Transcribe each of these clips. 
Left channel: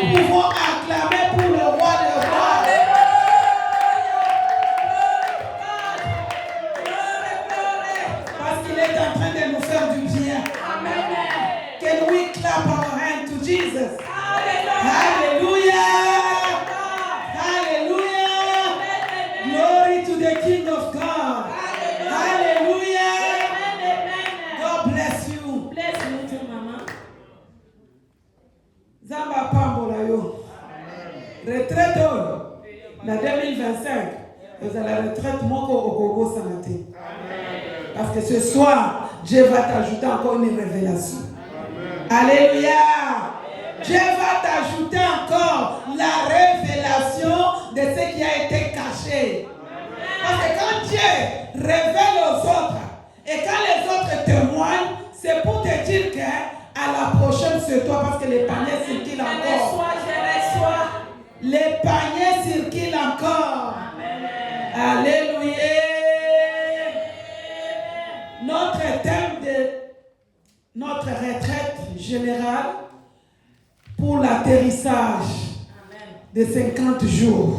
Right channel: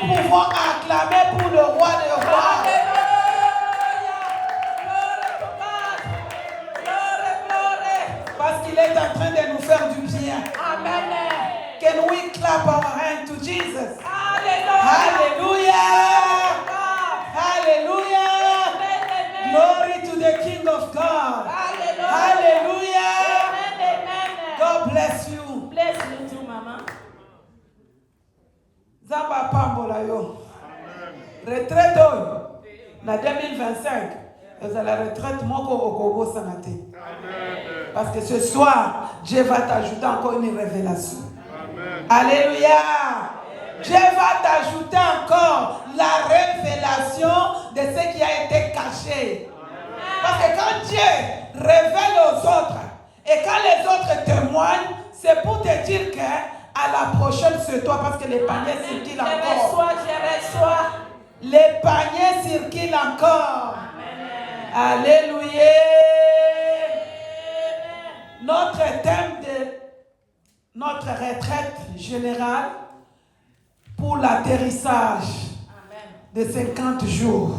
nous pouvons acclamer pour le roi des rois. Parce qu'il est en train de nous faire du bien. Can we clap our hands to Jesus? Hallelujah! Hallelujah! Glory to the King of God. Hallelujah! God bless you. Bless you too, Mama. Zamba pambola yo. Retraite na 2025. Vous allez la retraite moko okobo samate. Parce que ce soir, Dieu va t'ajouter encore une révélation. Alléluia. Dieu va t'ajouter encore la révélation de ce qui a été caché. Parce que quand Dieu révèle aux autres et quand les autres témoignent, c'est pour te dire qu'à la prochaine c'est toi parce que les paniers circulent encore. Je reçois. Les paniers circulent encore. Alléluia. Notre thème de notre retraite générale pour l'atterrissage de 50 jours.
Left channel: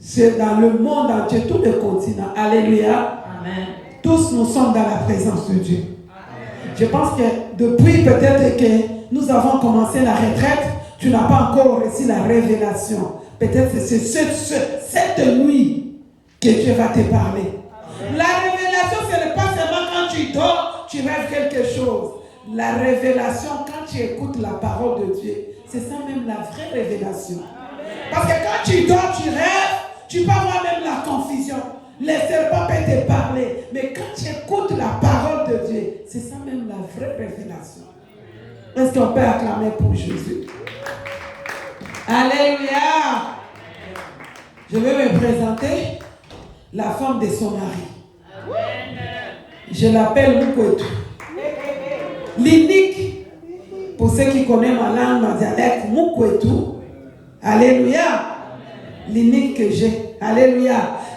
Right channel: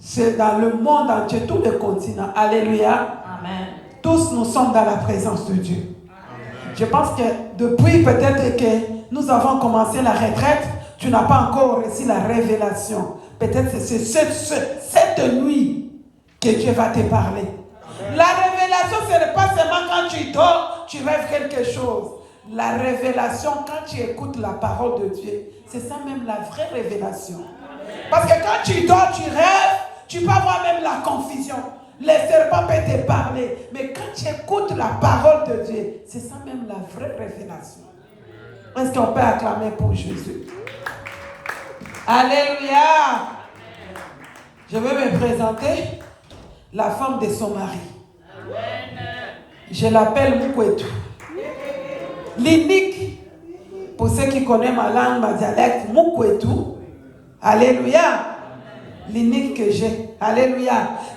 C'est dans le monde entier, tous les continents. Alléluia. Amen. Tous nous sommes dans la présence de Dieu. Je pense que depuis peut-être que nous avons commencé la retraite, tu n'as pas encore reçu la révélation. Peut-être que c'est cette nuit que Dieu va te parler. La révélation, ce n'est pas seulement quand tu dors, tu rêves quelque chose. La révélation, quand tu écoutes la parole de Dieu, c'est ça même la vraie révélation. Parce que quand tu dors, tu rêves, tu peux avoir même la confusion. Les serpents peuvent te parler. Mais quand tu écoutes la parole de Dieu, c'est ça même la vraie révélation. Est-ce qu'on peut acclamer pour Jésus? Alléluia! Je veux me présenter la femme de son mari. Je l'appelle Mukwetu. L'unique, pour ceux qui connaissent ma langue, ma dialecte, Mukwetu. Alléluia! L'unique que j'ai. Alléluia!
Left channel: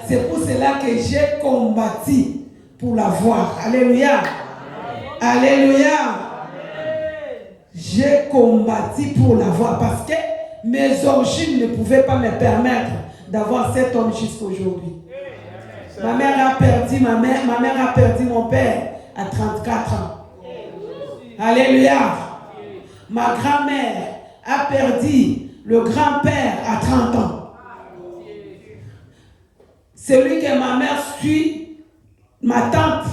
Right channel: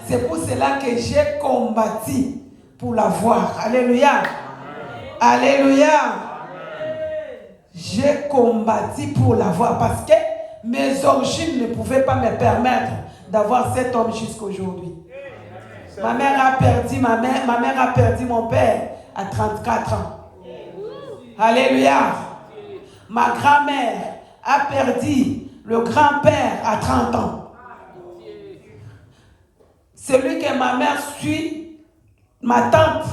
C'est pour cela que j'ai combattu pour la voir. Alléluia! Alléluia! J'ai combattu pour la voir parce que mes origines ne pouvaient pas me permettre d'avoir cet homme jusqu'aujourd'hui. Ma mère a perdu ma mère a perdu mon père à 34 ans. Alléluia. Ma grand-mère a perdu le grand-père à 30 ans. Celui que ma mère suit, ma tante,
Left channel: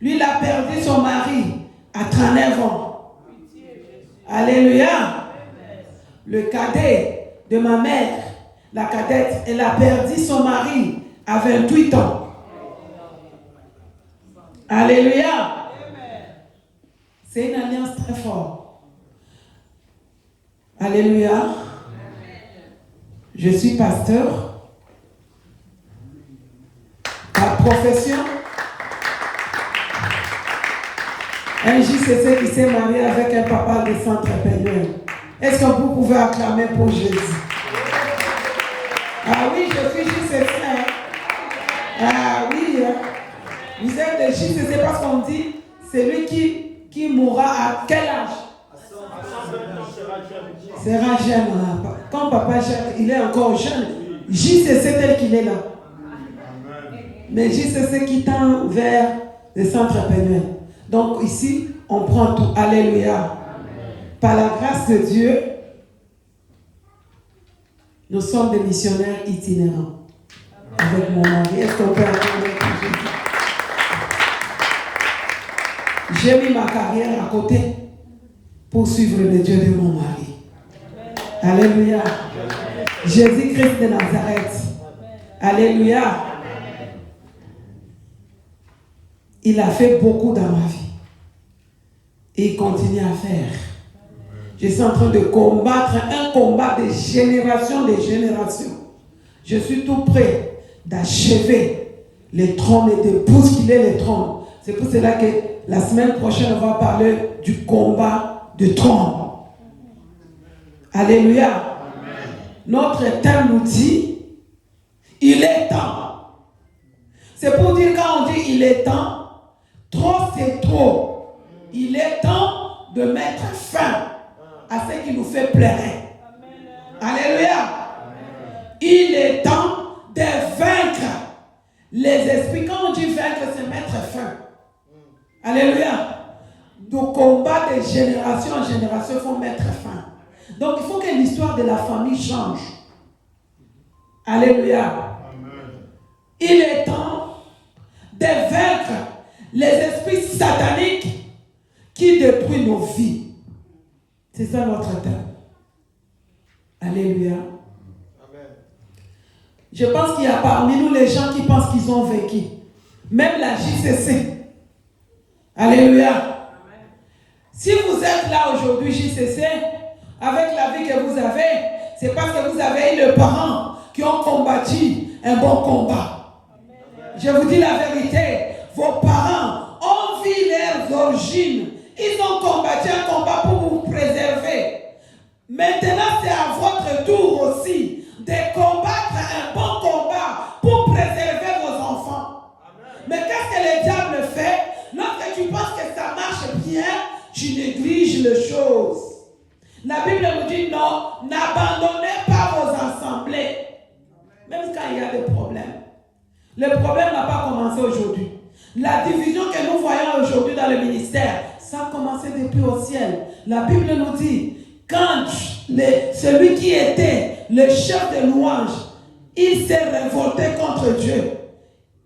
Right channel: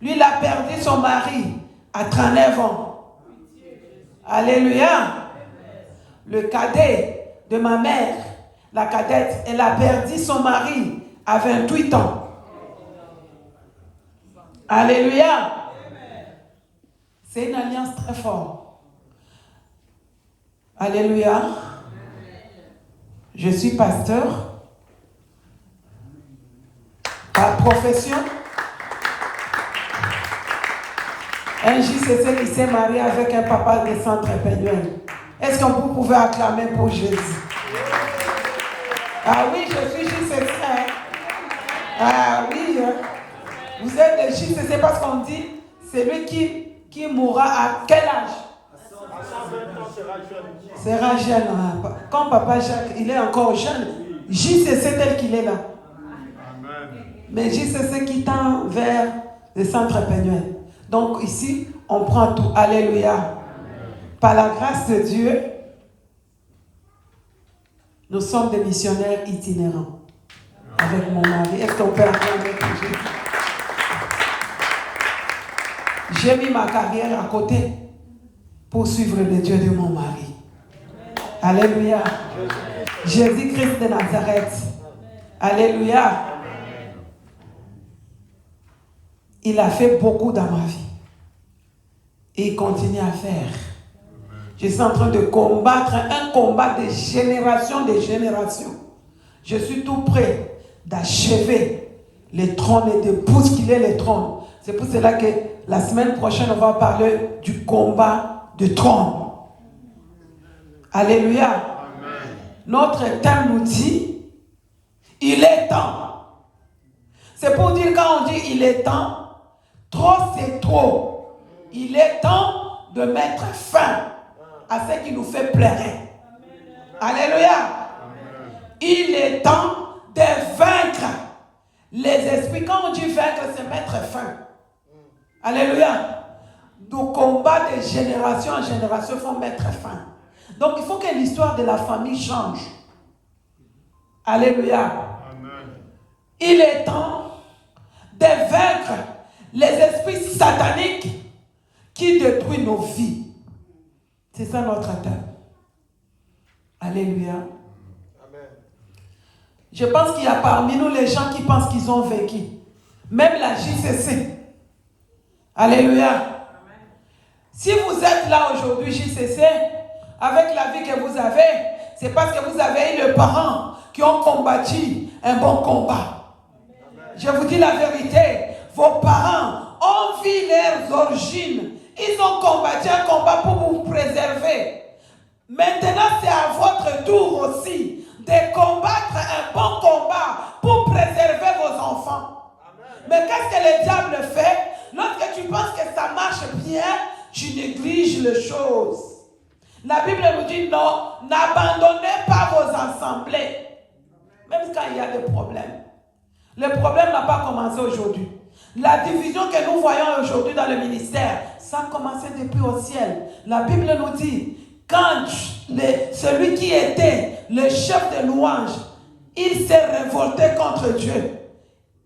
lui, il a perdu son mari à 39 ans. Alléluia. Le cadet de ma mère, la cadette, elle a perdu son mari à 28 ans. Alléluia. C'est une alliance très forte. Alléluia. Je suis pasteur. Par profession. Un JCC qui s'est marié avec un papa de centre pénal. Est-ce que vous pouvez acclamer pour Jésus? Ah oui, je suis JCC. Ah oui. Vous êtes des JCC parce qu'on dit c'est lui qui mourra à quel âge? C'est un jeune. Comme papa Jacques, il est encore jeune. JCC tel qu'il est là. Mais JCC qui tend vers le centre pénal. Donc ici, on prend tout. Alléluia. Par la grâce de Dieu, nous sommes des missionnaires itinérants. Avec mon mari. Est-ce qu'on peut acclamer pour Jésus? J'ai mis ma carrière à côté pour suivre le Dieu de mon mari. Alléluia. Jésus-Christ de Nazareth. Alléluia. Il a fait beaucoup dans ma vie. Et il continue à faire. Je suis en train de combattre un combat de génération. Je suis tout prêt d'achever les trônes et de bousculer les trônes. C'est pour cela que la semaine prochaine, on va parler du combat de trône. Alléluia. Amen. Notre thème nous dit, il est temps. C'est pour dire quand on dit il est temps, trop c'est trop. Il est temps de mettre fin à ce qui nous fait pleurer. Alléluia. Il est temps de vaincre les esprits. Quand on dit vaincre, c'est mettre fin. Alléluia. Donc, combat de génération en génération, il faut mettre fin. Donc, il faut que l'histoire de la famille change. Alléluia. Il est temps de vaincre les esprits sataniques qui détruisent nos vies. C'est ça notre thème. Alléluia. Je pense qu'il y a parmi nous les gens qui pensent qu'ils ont vécu. Même la JCC. Alléluia. Si vous êtes là aujourd'hui, JCC, avec la vie que vous avez, c'est parce que vous avez eu les parents qui ont combattu un bon combat. Je vous dis la vérité, vos parents ont vu leurs origines. Ils ont combattu un combat pour vous préserver. Maintenant, c'est à votre tour aussi de combattre un bon combat pour préserver vos enfants. Mais qu'est-ce que le diable fait? Lorsque tu penses que ça marche bien, tu négliges les choses. La Bible nous dit non, n'abandonnez pas vos assemblées. Même quand il y a des problèmes. Le problème n'a pas commencé aujourd'hui. La division que nous voyons aujourd'hui dans le ministère, ça a commencé depuis au ciel. La Bible nous dit, quand celui qui était le chef de louange, il s'est révolté contre Dieu.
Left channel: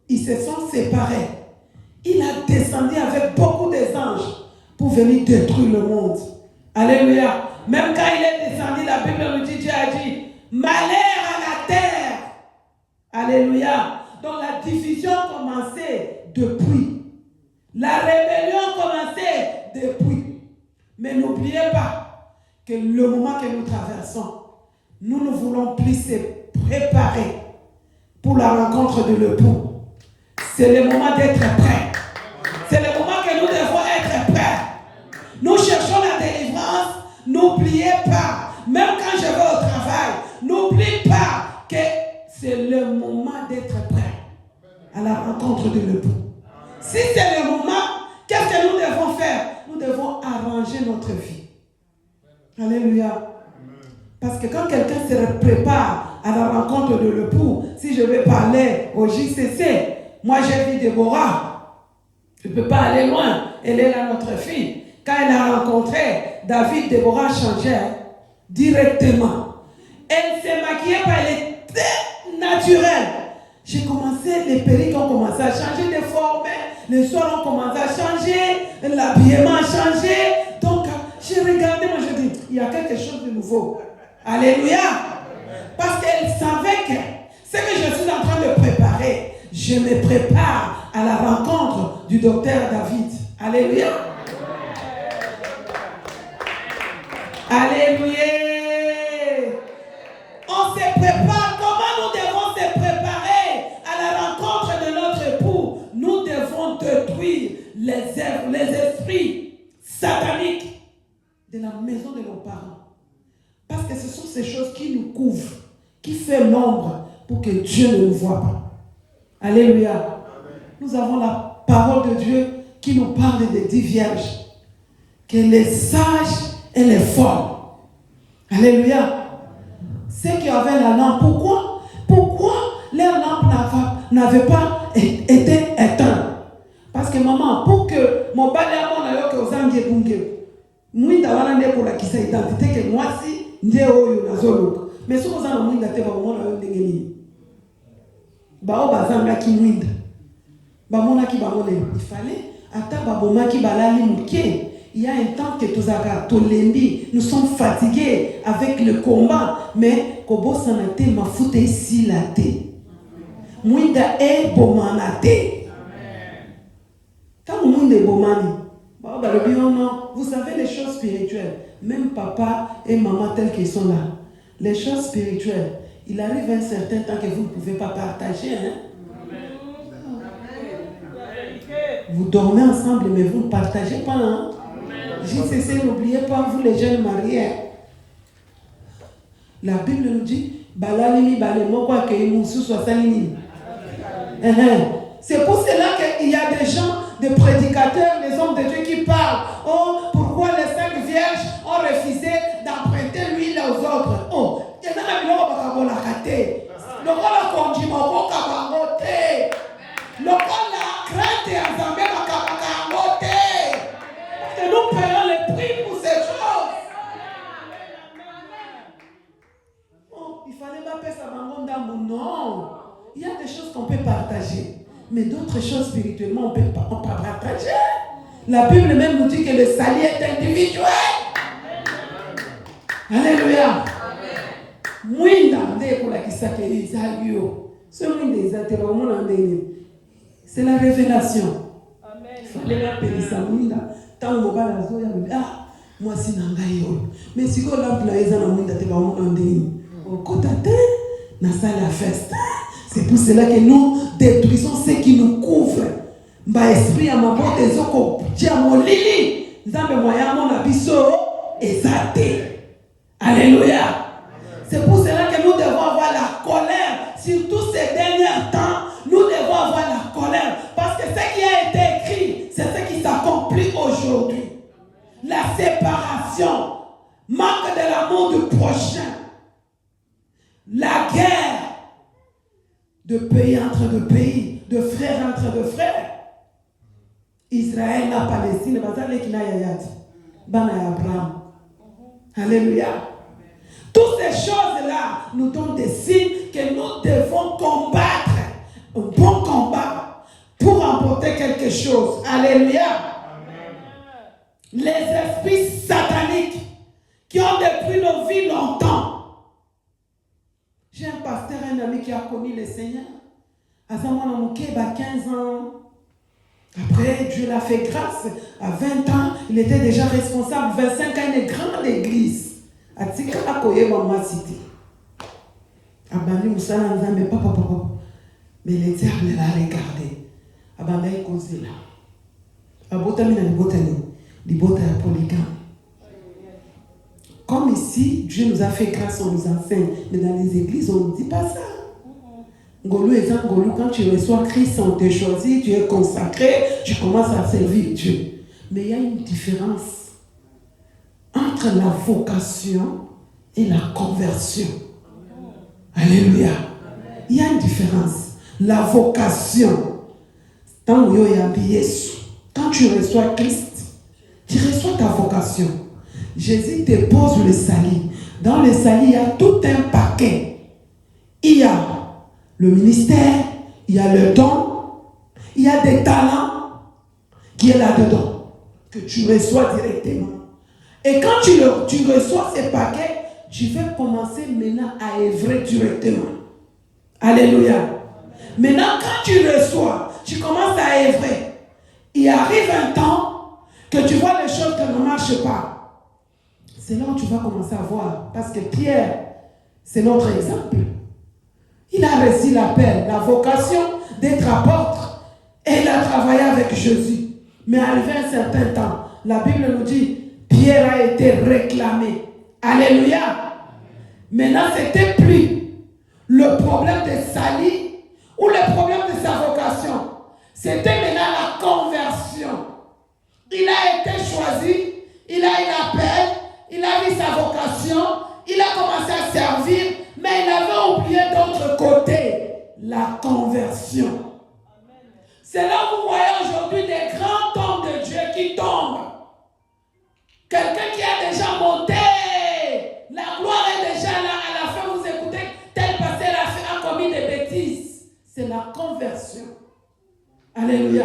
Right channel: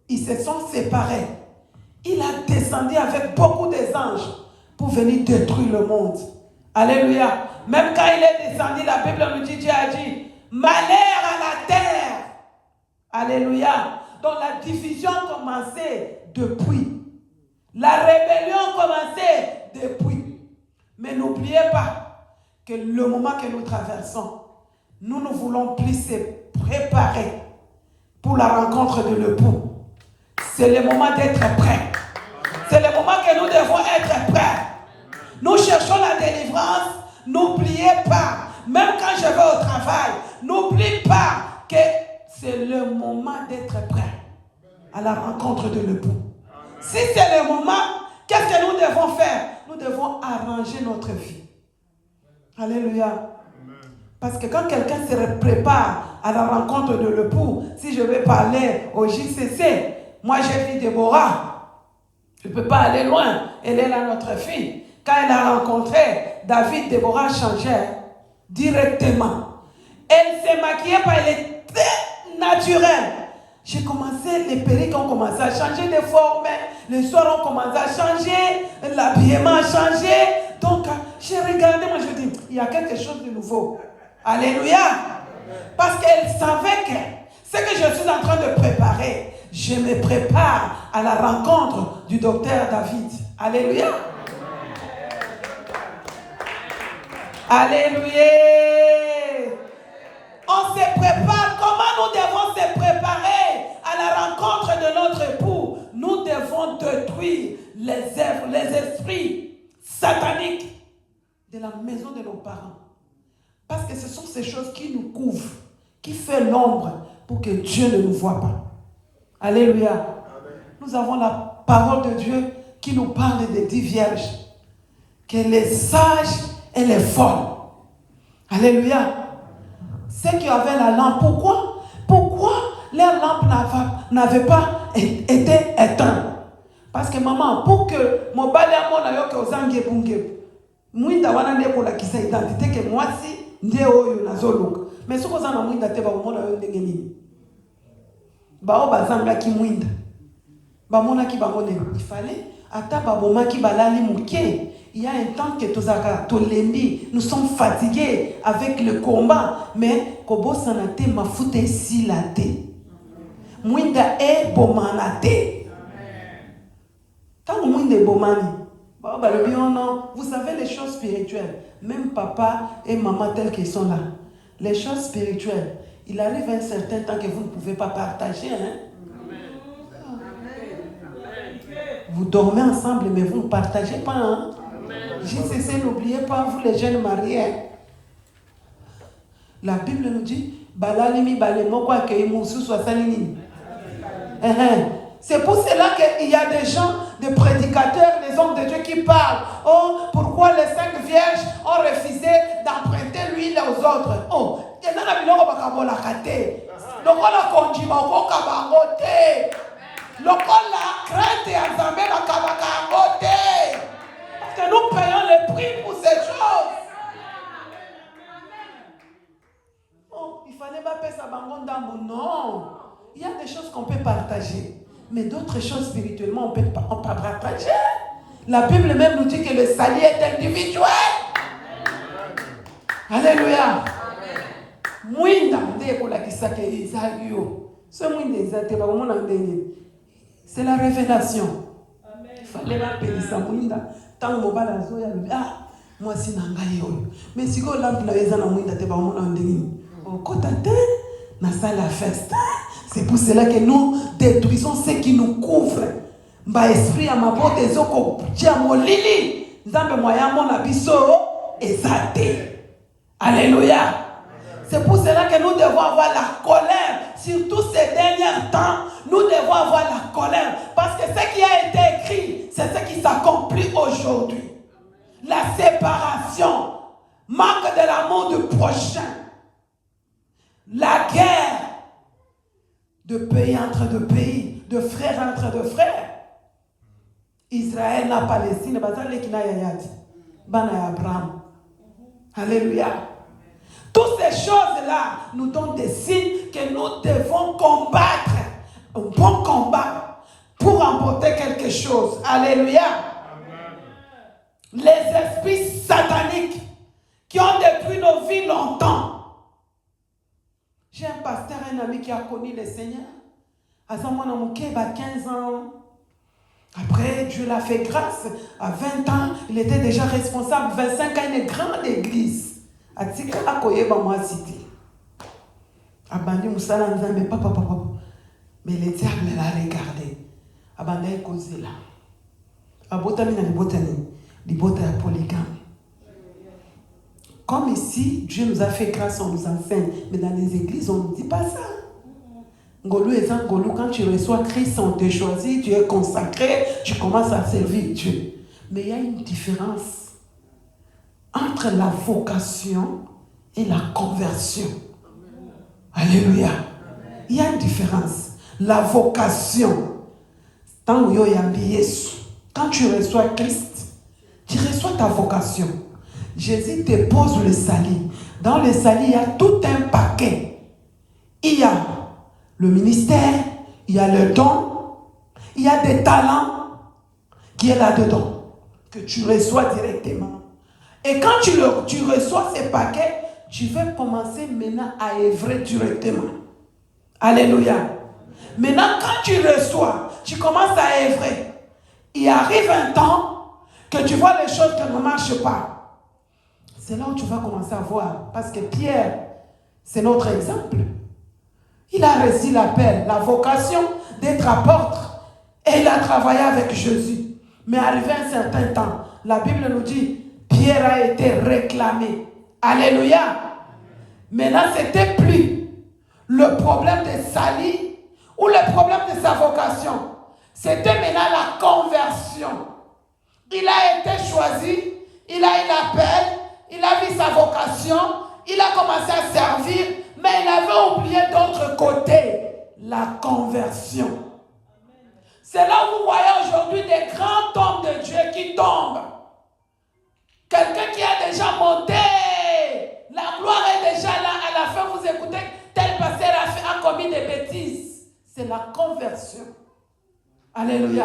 Ils se sont séparés. Il a descendu avec beaucoup d'anges pour venir détruire le monde. Alléluia. Même quand il est descendu, la Bible nous dit, Dieu a dit, malheur à la terre. Alléluia. Donc la division a commencé depuis. La rébellion a commencé depuis. Mais n'oubliez pas que le moment que nous traversons, nous ne voulons plus se préparer pour la rencontre de l'époux. C'est le moment d'être prêt. C'est le moment que nous devons être prêts. Nous cherchons la délivrance. N'oubliez pas, même quand je vais au travail, n'oublie pas que c'est le moment d'être prêt à la rencontre de l'époux. Si c'est le moment, qu'est-ce que nous devons faire? Nous devons arranger notre vie. Alléluia. Parce que quand quelqu'un se prépare à la rencontre de l'époux, si je vais parler au JCC, moi j'ai vu Déborah. Je ne peux pas aller loin. Elle est là, notre fille. Quand elle a rencontré David, Déborah changeait directement. Elle s'est maquillée, elle était naturelle. J'ai commencé, les perruques ont commencé à changer de forme, les soirs ont commencé à changer, l'habillement a changé. Donc, j'ai regardé, moi je dis, il y a quelque chose de nouveau. Alléluia. Parce qu'elle savait que ce que je suis en train de préparer, je me prépare à la rencontre du docteur David. Alléluia. Alléluia. On se prépare. Comment nous devons se préparer à la rencontre de notre époux? Nous devons détruire les esprits sataniques de la maison de nos parents. Parce que ce sont ces choses qui nous couvrent, qui font l'ombre pour que Dieu ne nous voit pas. Alléluia. Nous avons la parole de Dieu qui nous parle des 10 vierges. Que les sages et les folles. Alléluia. Ceux qui avaient la lampe, pourquoi leur lampe n'avait pas été éteinte? Parce que maman, pour que mon balai a yo que ozangi bunge, mwinda wana ndeko na kisa identité que moi si nde oyo nazolo. Mais si vous en mwinda te ba mona yo ndenge ni. Ba o bazanga ki mwinda. Ba mona ki ba mona yo. Il fallait ata ba boma ki balali muke. Il y a un temps que nous sommes fatigués avec le combat, mais Kobo sanate ma foute ici la té. Mwinda e bomanate. Quand mwinda e bomani, vous savez les choses spirituelles, même papa et maman tels qu'ils sont là, les choses spirituelles, il arrive un certain temps que vous ne pouvez pas partager. Hein? Vous dormez ensemble, mais vous ne partagez pas. Hein? JCC, n'oubliez pas, vous les jeunes mariés. La Bible nous dit, c'est pour cela qu'il y a des gens, des prédicateurs, des hommes de Dieu qui parlent. Oh, pourquoi les 5 vierges ont refusé d'en Mais d'autres choses spirituellement, on ne peut pas partager. La Bible même nous dit que le salut est individuel. Alléluia. Mwinda ndeko kisaka izalio. Ce mwinda izatela omona ndeni. C'est la révélation. Fallait la pélisa mwinda. Tant mobala zoya ah moi si nanga yo. Mais si ko lampe na eza na mwinda te ba omona ndeni. Okota te na sala festa. C'est pour cela que nous détruisons ce qui nous couvre. Ba esprit à ma porte ezoko tia molili. Nzambe moya mona biso ezate. Alléluia. C'est pour cela que nous devons avoir la colère. Surtout ces derniers temps, nous devons avoir la colère. Parce que ce qui a été écrit, c'est ce qui s'accomplit aujourd'hui. La séparation, manque de l'amour du prochain, la guerre de pays entre deux pays, de frères entre deux frères. Israël, la Palestine, Bana Abraham. Alléluia. Toutes ces choses-là nous donnent des signes que nous devons combattre. Un bon combat pour emporter quelque chose. Alléluia. Amen. Les esprits sataniques qui ont détruit nos vies longtemps. J'ai un pasteur, un ami qui a connu le Seigneur. À ce moment-là, il a 15 ans. Après, Dieu l'a fait grâce. À 20 ans, il était déjà responsable. 25 ans, une grande église. Atika akoyeba moi cité. Abandi musala nzambe papa. Mais l'Éternel l'a regardé. Abandi cause là. Abotami na libotani. Libota ya polygame. Comme ici, Dieu nous a fait grâce, on nous enseigne. Mais dans les églises, on ne dit pas ça. Ngolu étant Ngolu, quand tu reçois Christ, on te choisit, tu es consacré, tu commences à servir Dieu. Mais il y a une différence entre la vocation et la conversion. Alléluia. Il y a une différence. La vocation, quand tu reçois Christ, tu reçois ta vocation. Jésus te pose le salut. Dans le salut, il y a tout un paquet. Il y a le ministère, il y a le don, il y a des talents qui est là-dedans, que tu reçois directement. Et quand tu reçois ces paquets, tu veux commencer maintenant à œuvrer directement. Alléluia. Maintenant, quand tu reçois, tu commences à œuvrer. Il arrive un temps que tu vois les choses qui ne marchent pas. C'est là où tu vas commencer à voir. Parce que Pierre, c'est notre exemple. Il a reçu l'appel, la vocation d'être apôtre. Et il a travaillé avec Jésus. Mais arrivé un certain temps, la Bible nous dit, Pierre a été réclamé. Alléluia. Maintenant, c'était plus le problème de Sali ou le problème de sa vocation. C'était maintenant la conversion. Il a été choisi, il a eu l'appel, il a vu sa vocation, il a commencé à servir, mais il avait oublié d'autre côté la conversion. C'est là où vous voyez aujourd'hui des grands hommes de Dieu qui tombent. Quelqu'un qui a déjà monté, la gloire est déjà là, à la fin vous écoutez, tel pasteur a commis des bêtises. C'est la conversion. Alléluia.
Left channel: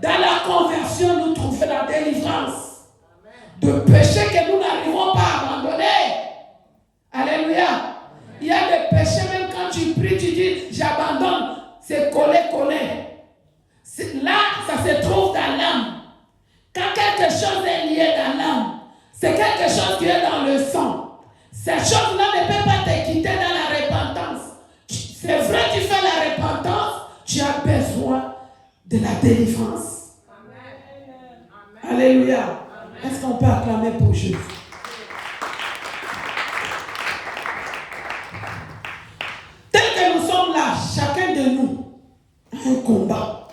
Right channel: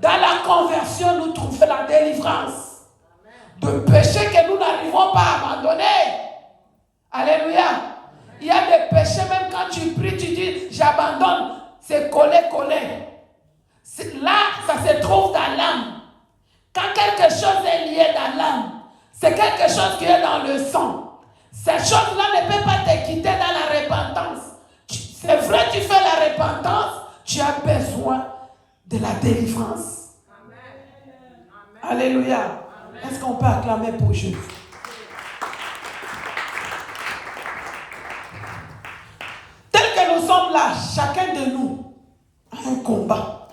Dans la conversion, nous trouvons la délivrance. De péchés que nous n'arrivons pas à abandonner. Alléluia. Il y a des péchés, même quand tu pries, tu dis, j'abandonne. C'est collé. Là, ça se trouve dans l'âme. Quand quelque chose est lié dans l'âme, c'est quelque chose qui est dans le sang. Ces choses-là ne peuvent pas te quitter dans la repentance. C'est vrai, tu fais la repentance, tu as besoin de la délivrance. Amen. Alléluia. Amen. Est-ce qu'on peut acclamer pour Jésus? Tel que nous sommes là, chacun de nous a un combat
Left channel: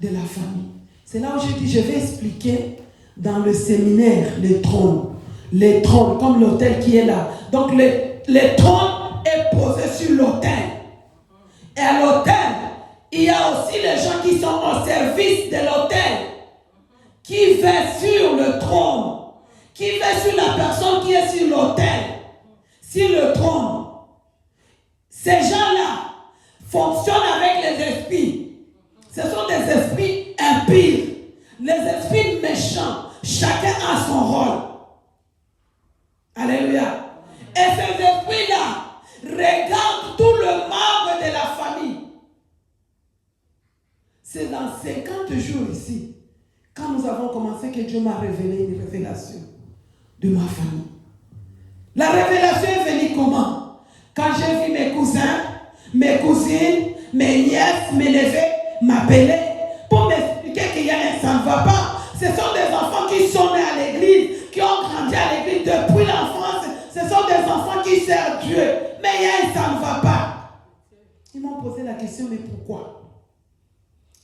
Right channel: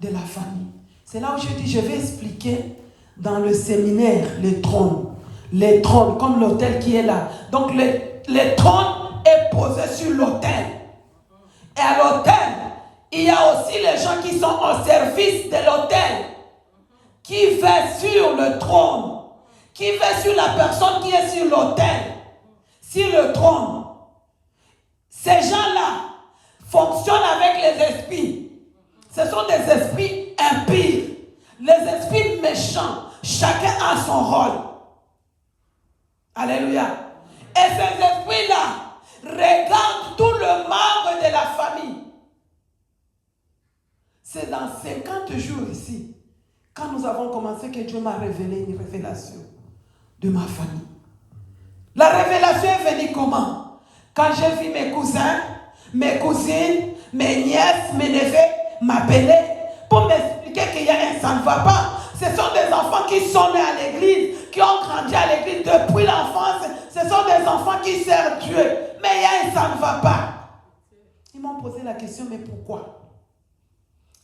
de la famille. C'est là où j'ai dit, je vais expliquer dans le séminaire les trônes. Les trônes, comme l'autel qui est là. Donc les trônes est posé sur l'autel. Et à l'autel, il y a aussi les gens qui sont au service de l'autel. Qui veillent sur le trône. Qui veillent sur la personne qui est sur l'autel. Sur le trône. Ces gens-là fonctionnent avec les esprits. Alléluia. Et ces esprits-là regardent tout le membre de la famille. C'est dans 50 jours ici, quand nous avons commencé, que Dieu m'a révélé une révélation de ma famille. La révélation est venue comment? Quand j'ai vu mes cousins, mes cousines, mes nièces, mes neveux m'appeler pour m'expliquer qu'il y a un ça ne va pas. Ce sont des enfants qui sont nés à l'église, qui ont grandi à l'église depuis l'enfance. Ce sont des enfants qui servent Dieu. Mais il y a un ça ne va pas. Ils m'ont posé la question, mais pourquoi?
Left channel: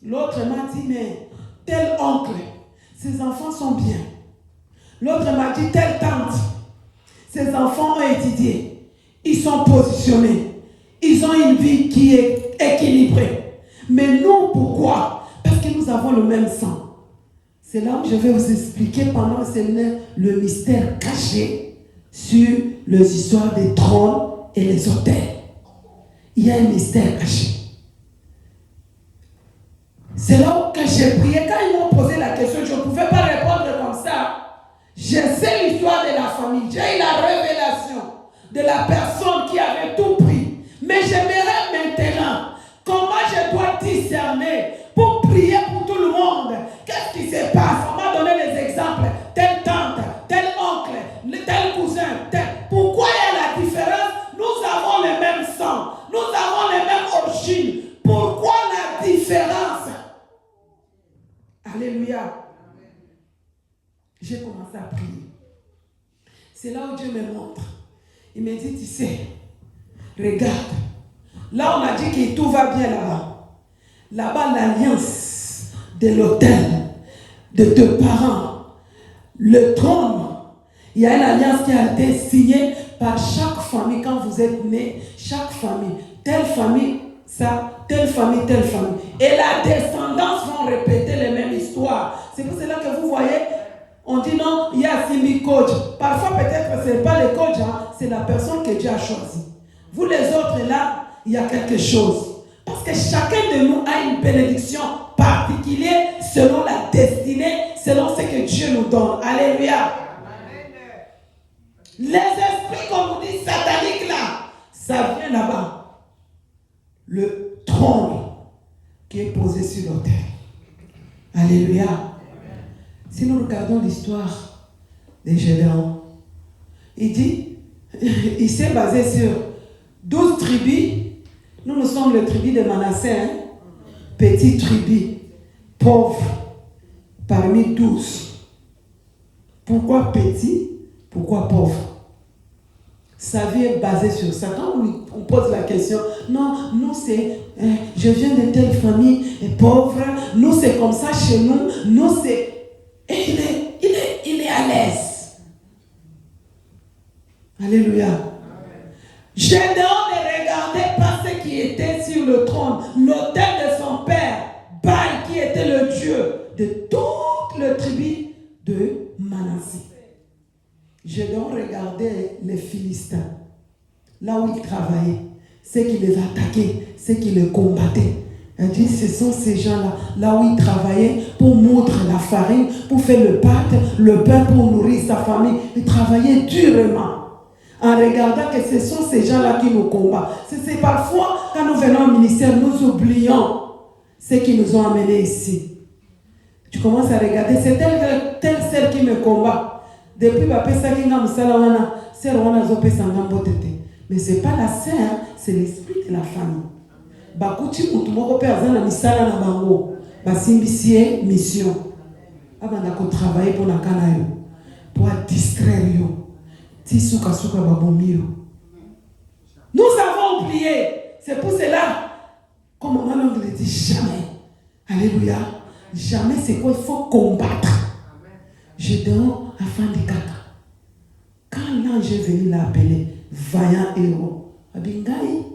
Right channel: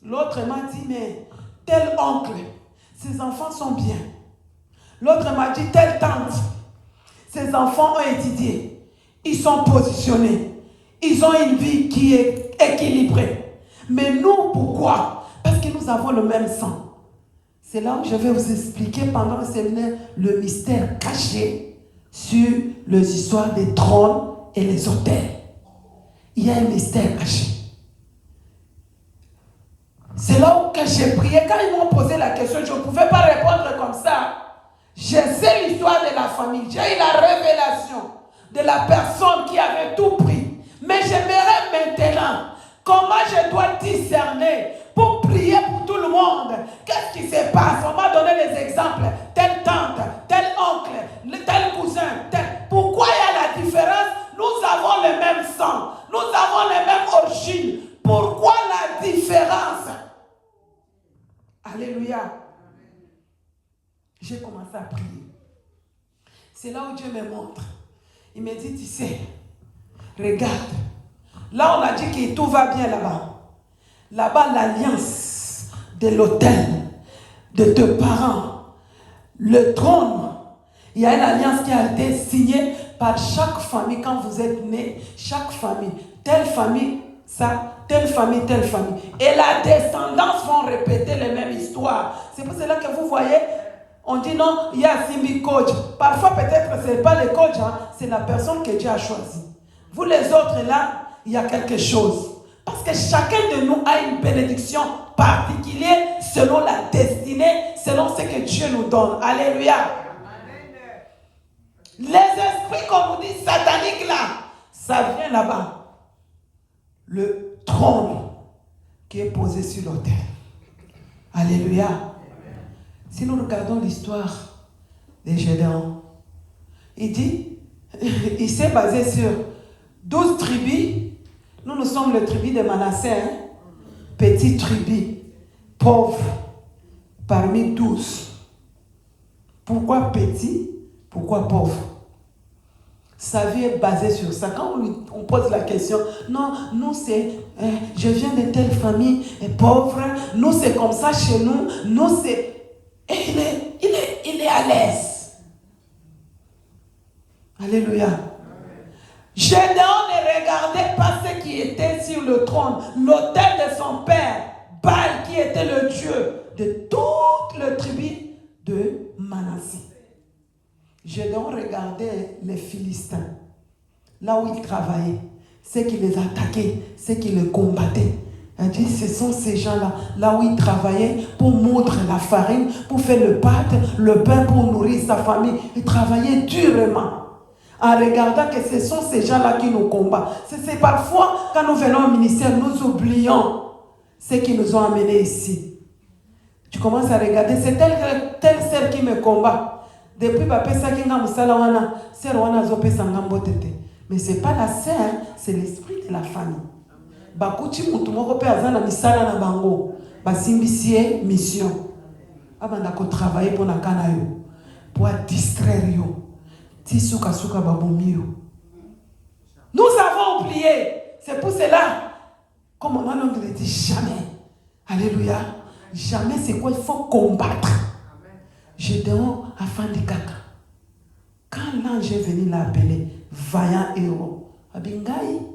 L'autre m'a dit, mais tel oncle, ses enfants sont bien. L'autre m'a dit, telle tante, ses enfants ont étudié. Ils sont positionnés. Ils ont une vie qui est équilibrée. Mais nous, pourquoi? Parce que nous avons le même sang. C'est là où je vais vous expliquer pendant le séminaire le mystère caché sur les histoires des trônes et les autels. Il y a un mystère caché. C'est là où j'ai prié. Quand ils m'ont posé la question, je ne pouvais pas répondre comme ça. Je sais l'histoire de la famille. J'ai eu la révélation de la personne qui avait tout pris. Mais j'aimerais maintenant comment je dois discerner pour prier pour tout le monde. Qu'est-ce qui se passe? On m'a donné des exemples. Telle tante, tel oncle, tel cousin. Pourquoi il y a la différence? Nous avons le même sang. Nous avons les mêmes origines. Pourquoi la différence? Alléluia. J'ai commencé à prier. C'est là où Dieu me montre. Il me dit, tu sais, regarde. Là, on a dit que tout va bien là-bas. Là-bas, l'alliance de l'autel, de tes parents, le trône. Il y a une alliance qui a été signée par chaque famille. Quand vous êtes né, chaque famille, telle famille, ça, telle famille, telle famille. Et la descendance vont répéter les mêmes histoires. C'est pour cela que vous voyez, on dit non, il y a Simi coach. Parfois, peut-être que ce n'est pas le coach, hein, c'est la personne que Dieu a choisie. Vous les autres, là, il y a quelque chose. Parce que chacun de nous a une bénédiction particulière selon la destinée, selon ce que Dieu nous donne. Alléluia. Les esprits, comme vous dites, sataniques, là, ça vient là-bas. Le trône qui est posé sur l'autel. Alléluia. Si nous regardons l'histoire de Gédéon, il dit, il s'est basé sur 12 tribus. Nous sommes le tribu de Manassé, hein? Petite tribu, pauvre, parmi tous. Pourquoi petit? Pourquoi pauvre? Sa vie est basée sur ça. Quand on pose la question, non, nous c'est, je viens de telle famille pauvre, nous c'est comme ça chez nous, nous c'est... Et il est à l'aise. Alléluia. Gédéon ne regardait pas ce qui était sur le trône, l'autel de son père, Baal, qui était le dieu de toute la tribu de Manassé. Gédéon regardait les Philistins, là où ils travaillaient, ceux qui les attaquaient, ceux qui les combattaient. Il dit, ce sont ces gens-là, là où ils travaillaient pour moudre la farine, pour faire le pain pour nourrir sa famille. Ils travaillaient durement. En regardant que ce sont ces gens-là qui nous combattent. C'est parfois, quand nous venons au ministère, nous oublions ce qui nous ont amenés ici. Tu commences à regarder, c'est telle sœur qui me combat. Depuis que je mais ce n'est pas la sœur, c'est l'esprit de la famille. Bakuti mutumoko pe azana misala na mango basimbisie mission abanda ko travailler pour nakana yo pour distraire yo tisuka suka babomiro. Nous avons oublié. C'est pour cela comme on ne le dit jamais. Alléluia. Jamais, c'est quoi? Il faut combattre. Gédéon a fait des caca. Quand l'ange est venu l'appeler vaillant héros, abingai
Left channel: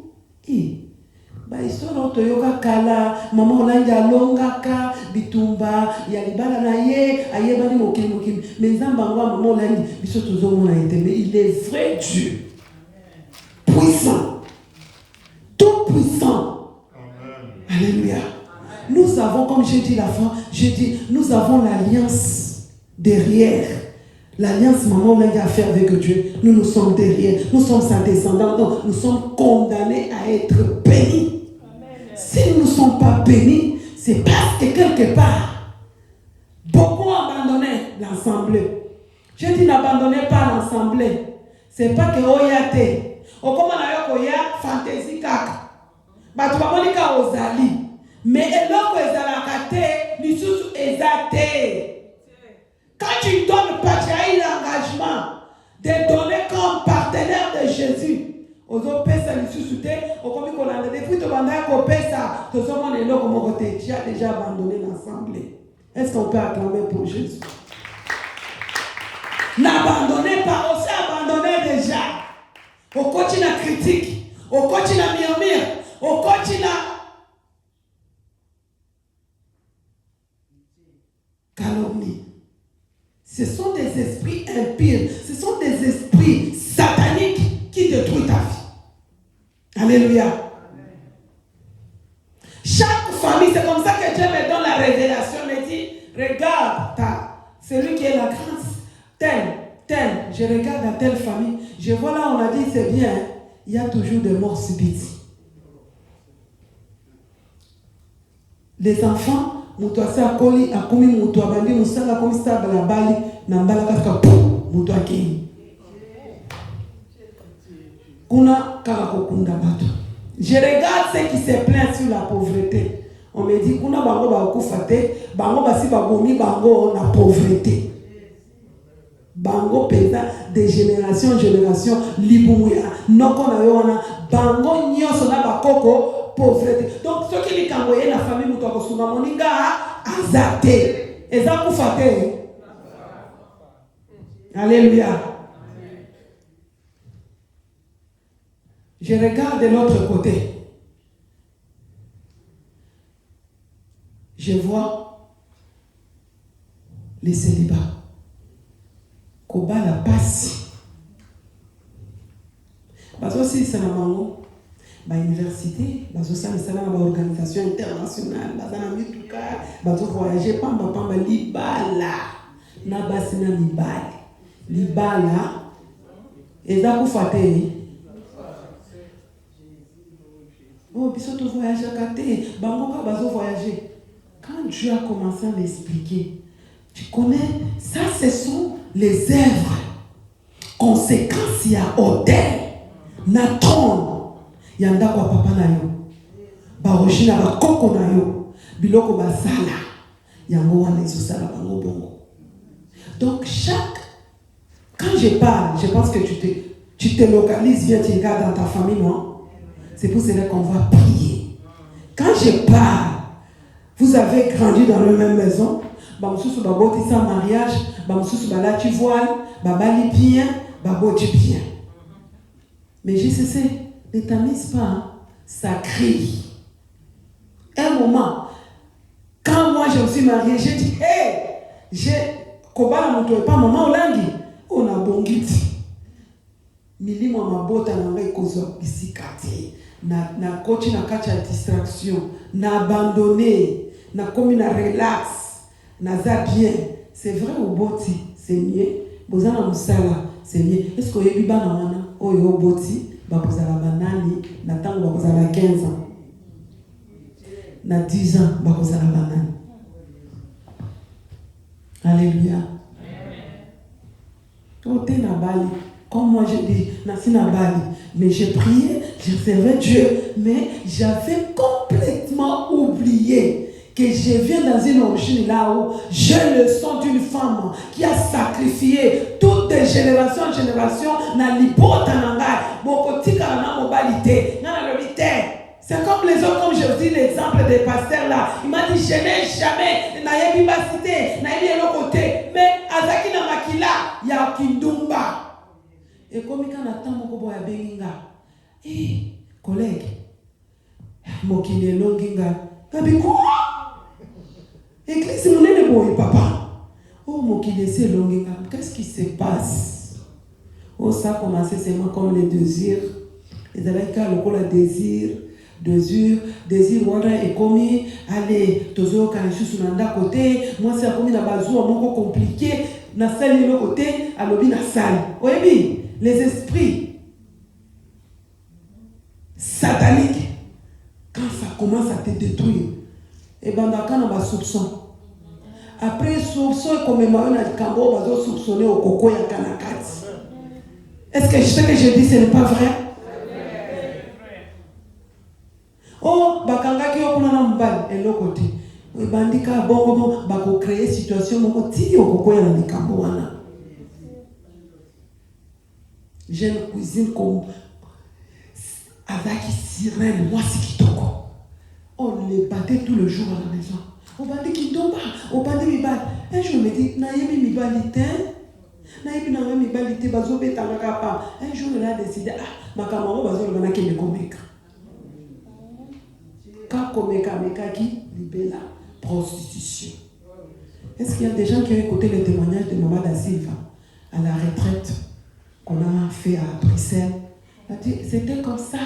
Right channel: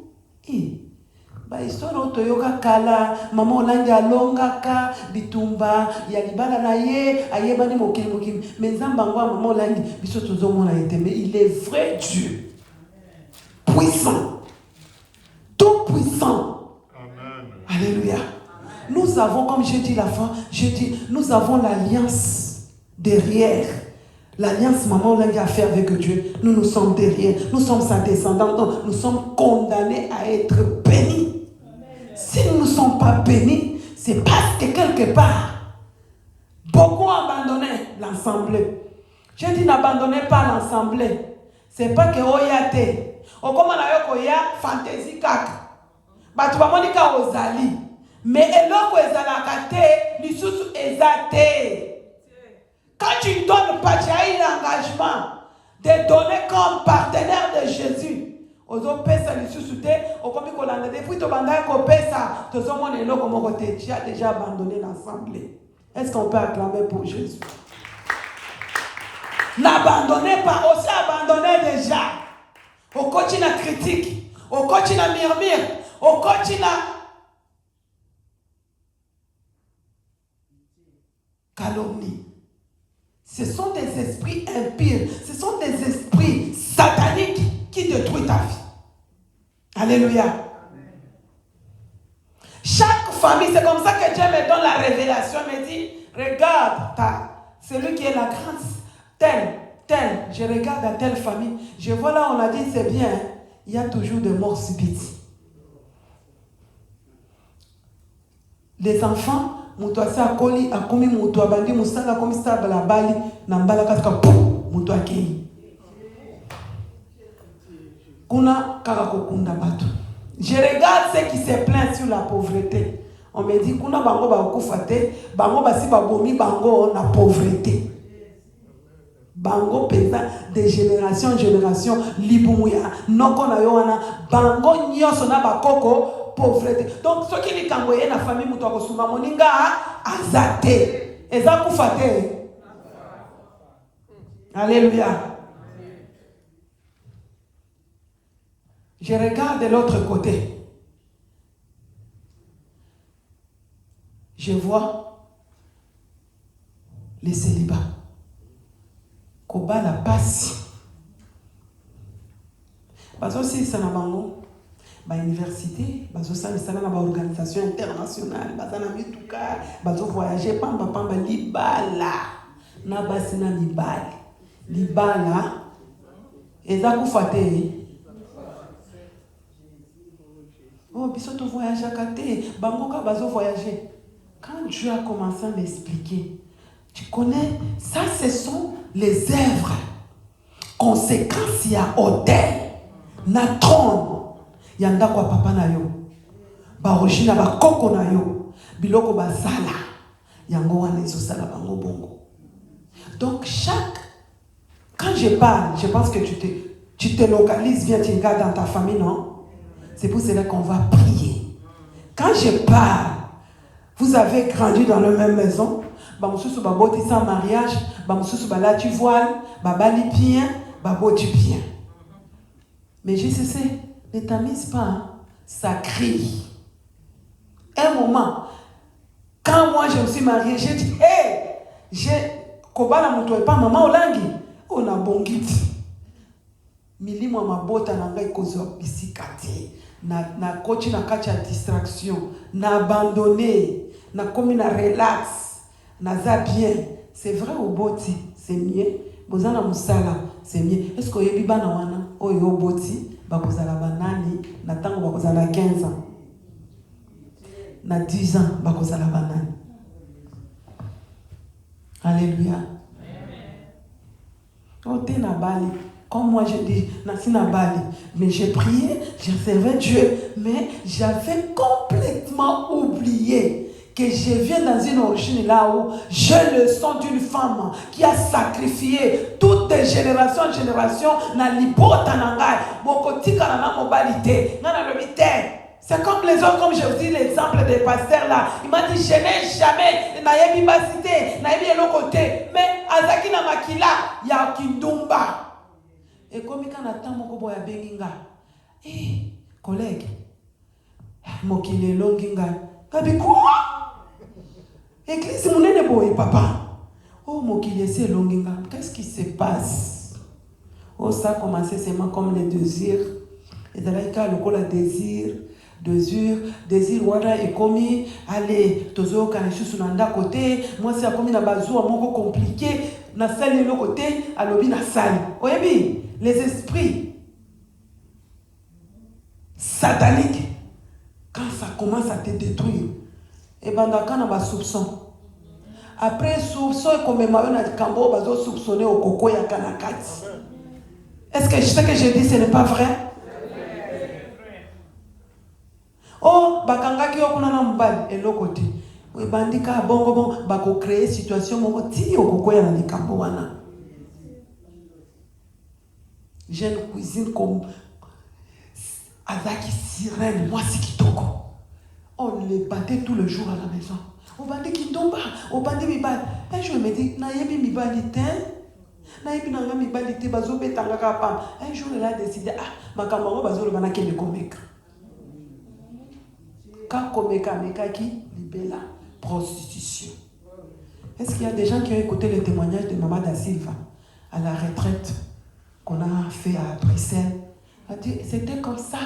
baisolo toyoka kala mama onanja longaka bitumba ya libala na ye ayebani mokili mais nzamba ngwa mama onanja biso tozomona ete mais il est vrai Dieu puissant, tout puissant. Amen. Alléluia. Nous avons, comme j'ai dit l'avant, nous avons l'alliance derrière. L'alliance maman onanja a fait avec Dieu. nous nous sommes derrière, nous sommes sa descendante, donc nous sommes condamnés à être bénis. Si nous ne sommes pas bénis, c'est parce que quelque part, beaucoup ont abandonné l'assemblée. Je dis n'abandonnez pas l'assemblée. C'est pas que oyate. Okoma na yoko ya fantaisie kaka. Batu bamonika ozali. Mais eloko ezalaka te, lisusu ezate. Quand tu donnes pas, tu as eu l'engagement de donner comme partenaire de Jésus. Ozo pesa lisusu te, okomi kolanda depuis to banda ko pesa, to zo mona eloko moko te, tu as déjà abandonné l'assemblée. Est-ce qu'on peut acclamer pour Jésus? N'abandonnez pas, aussi abandonnez déjà. Au coach la critique, au coach la murmure, au coach la calomnie. Ce sont des esprits impurs, ce sont des esprits sataniques qui détruisent ta vie. Alléluia. Amen. Chaque famille, c'est comme ça que Dieu me donne la révélation, me dit, regarde, celui qui est la grâce, tel, je regarde à telle famille, je vois là, on a dit, c'est bien, il y a toujours des morts subites. Les enfants, mutu asakoli akomi mutu abandi musala komi saba la bali na mbala kaka pou mutu akini kuna kaka kokunda bato. Je regarde ceux qui se plaignent sur la pauvreté. On me dit kuna bango bakufa te, bango basi babomi bango na pauvreté. Bango pesa de génération en génération libumuya noko na yona bango nyoso na bakoko pauvreté. Donc ceux qui les kangoye la famille mutu akosuma moninga azate eza kufa te. Alléluia. Je regarde de l'autre côté. Je vois les célibats. Koba la passe. Parce que si c'est la université, c'est une organisation internationale, bazo voyager pamba libala na basina libala eza kufate. Oh, biso voyage à côté, bangoka bazo voyager. Quand Dieu a commencé à l'expliquer, tu connais, ça ce sont les œuvres, conséquences, il y a hôtel, na trône, yanda kwa papa na yo, barojina ba koko na yo, biloko basala, yango wana ezosala bango bongo. Donc quand je parle, je pense que tu te localises, viens, tu regardes dans ta famille, non? C'est pour cela qu'on va prier. Quand je parle, vous avez grandi dans la même maison, bamsusu baboti sans mariage, bamsusu balati voile, babali bien, baboti bien. Mais je sais, ne t'amuse pas, hein? Ça crie. Un moment, quand moi je me suis mariée, j'ai dit, kobala mutu pas maman olangi, on a bongiti. Milimo mabota na ngai kozo bisikate. Na coach na kacha distraction, na abandonné, na komi na relax, na za bien. C'est vrai au boti, c'est mieux. Bozana musala, c'est mieux. Est-ce que yebi bana wana oyo boti ba kozala banani na tango ba kozala 15 ans. Na 10 ans ba kozala banani. Alléluia. Quand tu es na bali, comme moi je dis, na bali, mais j'ai prié, j'ai servi Dieu, mais j'avais complètement oublié que je viens dans une origine là où j'ai le sang d'une femme qui a sacrifié toutes les générations en génération na libota nangai, bokotika na mobilité, na lobité. C'est comme les autres, comme je vous dis l'exemple des pasteurs là. Il m'a dit, je n'ai jamais, naïe vivacité, naïe l'autre côté, mais azaki na makila, ya kindumba. Et comme quand on attend mon boya benga, collègue, mokine longinga, kabi quoi? Église mon est boy papa. Oh mokine c'est longinga, qu'est-ce qui se passe? Oh ça a commencé seulement comme les désirs. Et avec le désir wada est commis, allez, tozo kanisusu nanda côté, moi c'est commis na bazou moko compliqué, na salle de côté, alobi na salle. Oyebi, les esprits sataniques, quand ça commence à te détruire, et ben quand on va soupçon. Après soupçon, comme on a dit, on va soupçonner au coco et à Kanakati. Est-ce que ce que je dis, ce n'est pas vrai? Oh, bakangaki okuna mbali elokoti. Bandika bongo bako créer situation moko tiki okoko ya likambo wana. Je ne cuisine comme avec sirène, moi c'est kitoko. On les battait tout le jour à la maison. On battait kitomba, on battait mibali. Un jour je me dis, na yebi mibali ten. Na yebi na mibali te bazo betanga kapa. Un jour il a décidé, makambo bazo le manaki de komeka. Quand komeka mekaki libela prostitution. Est-ce qu'il y a des gens qui ont écouté le témoignage de Maman da Silva à la retraite qu'on a fait à Bruxelles? C'était comme ça.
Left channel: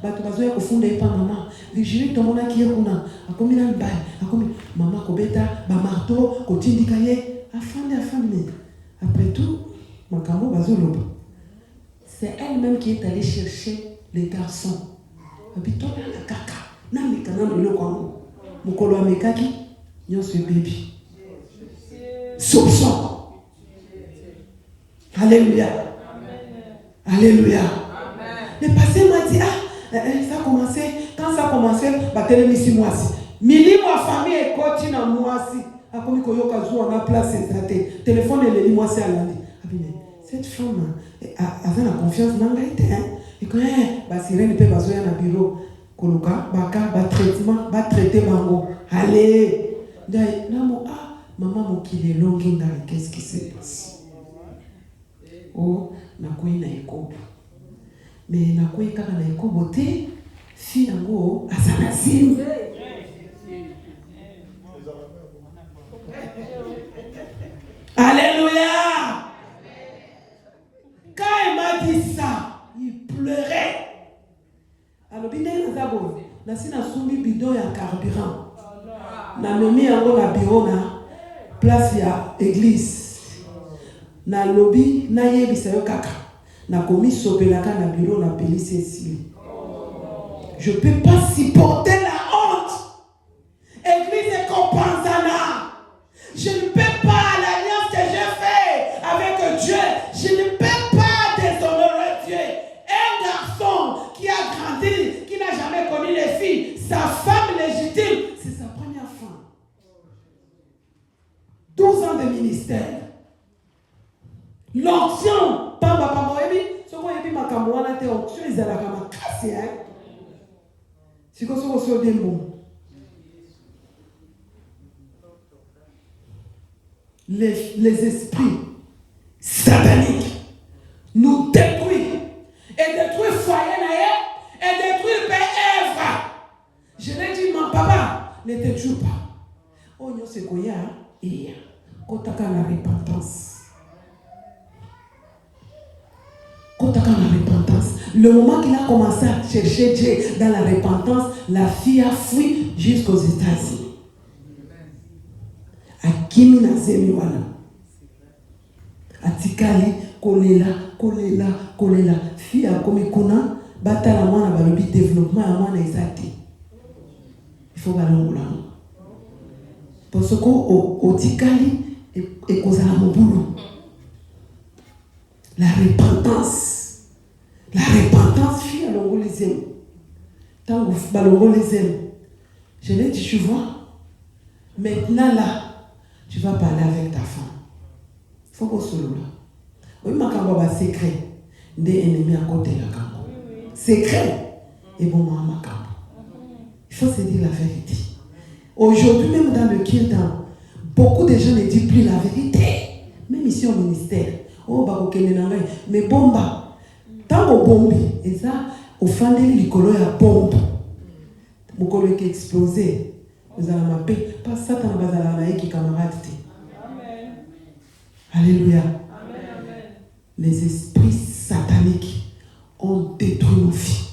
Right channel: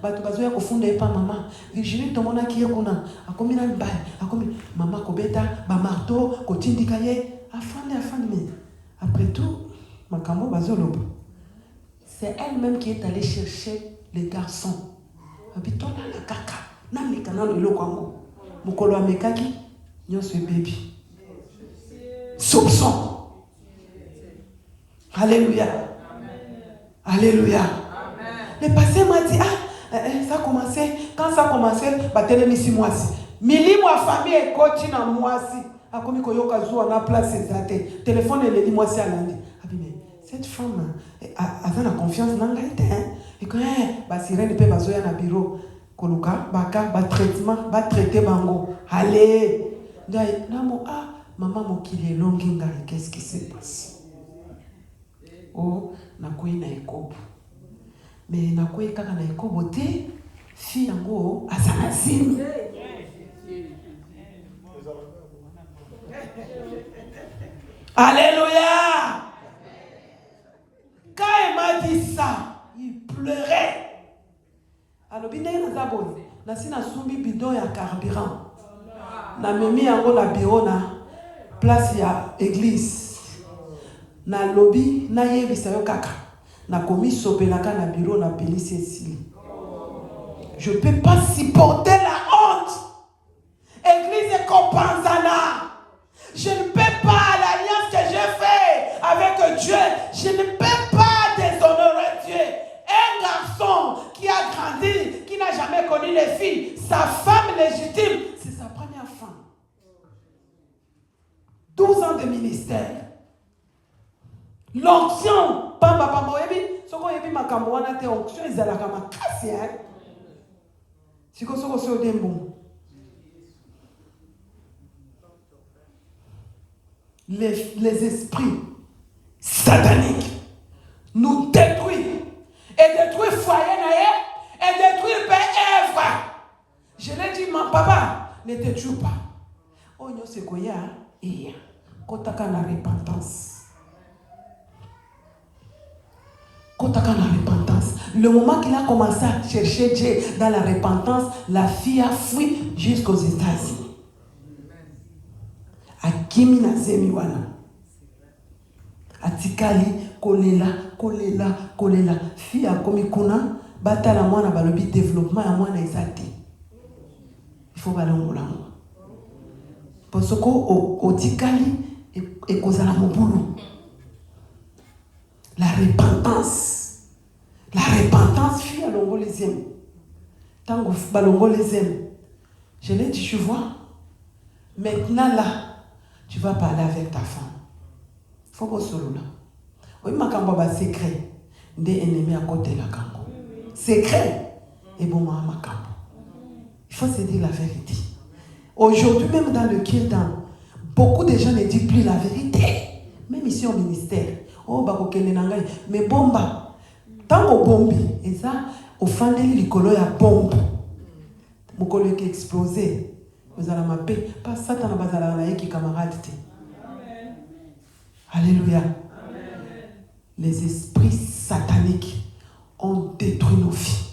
Batubazo ya kufunda epa maman. Virginie tomona ki yekuna. Akomi na mbali. Akomi maman kobeta ba marteau kotindika ye afande. Après tout, makambo bazo lobo. C'est elle-même qui est allée chercher les garçons. Habitona la kaka. Nani kana loko mukolo amekaki nyonso baby. Soupçon. Alléluia. Alléluia. Le pasteur m'a dit, ça a commencé, quand ça a commencé, batelemisi mwasi. Mini mwa famille ekoti na mwasi. Akomi koyoka zuwa na place ezate. Téléphone eleli mwasi alandi. Cette femme a la confiance dans la hein. Et quand basirene pe bazoya na bureau koluka baka ba traitement ba traiter bango. Allez. Dai namo maman mokile longi ngai, qu'est-ce qui se passe? Oh, nakoyi na ekobo. Mais nakoyi kaka na ekobo te, fi yango asanasini. Alléluia. Quand il m'a dit ça, il pleurait. Alors, bien nazabo, nasina sumbi bidon ya carburant. Na nomi yango na bureau na place ya église. Na lobby na yebisa yo kaka. Na komi sopelaka na bureau na police ici. Je peux pas supporter la honte. Église est compensana. Je ne peux pas l'alliance que j'ai fait avec Dieu. Je ne peux pas déshonorer Dieu. Un garçon qui a grandi, qui n'a jamais connu les filles, sa femme légitime, c'est sa première femme. 12 ans de ministère. L'onction, pamba moebi, soko yebi makambo wana te onction ezalaka makasi hein. Siko soko so dembo. Les esprits sataniques nous détruisent et détruisent foyer et détruisent Eva. Je l'ai dit, mon papa, ne te tue pas. Oh, non, c'est quoi, il y a kotaka la repentance. Kotaka la repentance. Le moment qu'il a commencé à chercher Dieu dans la repentance, la fille a fui jusqu'aux États-Unis. Akimi na zemi wana. Atikali kolela. Fille a komi kuna bata la mwana balobi développement ya mwana ezati. Il faut balongola. Parce que otikali et kozala mobulu. La repentance. La repentance fille à longo les aime. Tant que balongo les aime. Je l'ai dit, tu vois. Maintenant là, tu vas parler avec ta femme. Il faut qu'on se loue là. Oui, ma cambo va secret. Des ennemis à côté de la cambo. Secret. Et bon, ma cambo. Il faut se dire la vérité. Aujourd'hui, même dans le Kingdom, beaucoup de gens ne disent plus la vérité. Même ici au ministère. Oh, bah, ok, mais bomba. Tant au bombi, et ça, au fan de l'écolo, il y a bombe. Beaucoup qui explosé. Vous allez m'appeler. Pas ça, t'en vas à la qui camarade. Alléluia. Amen. Les esprits sataniques ont détruit nos vies.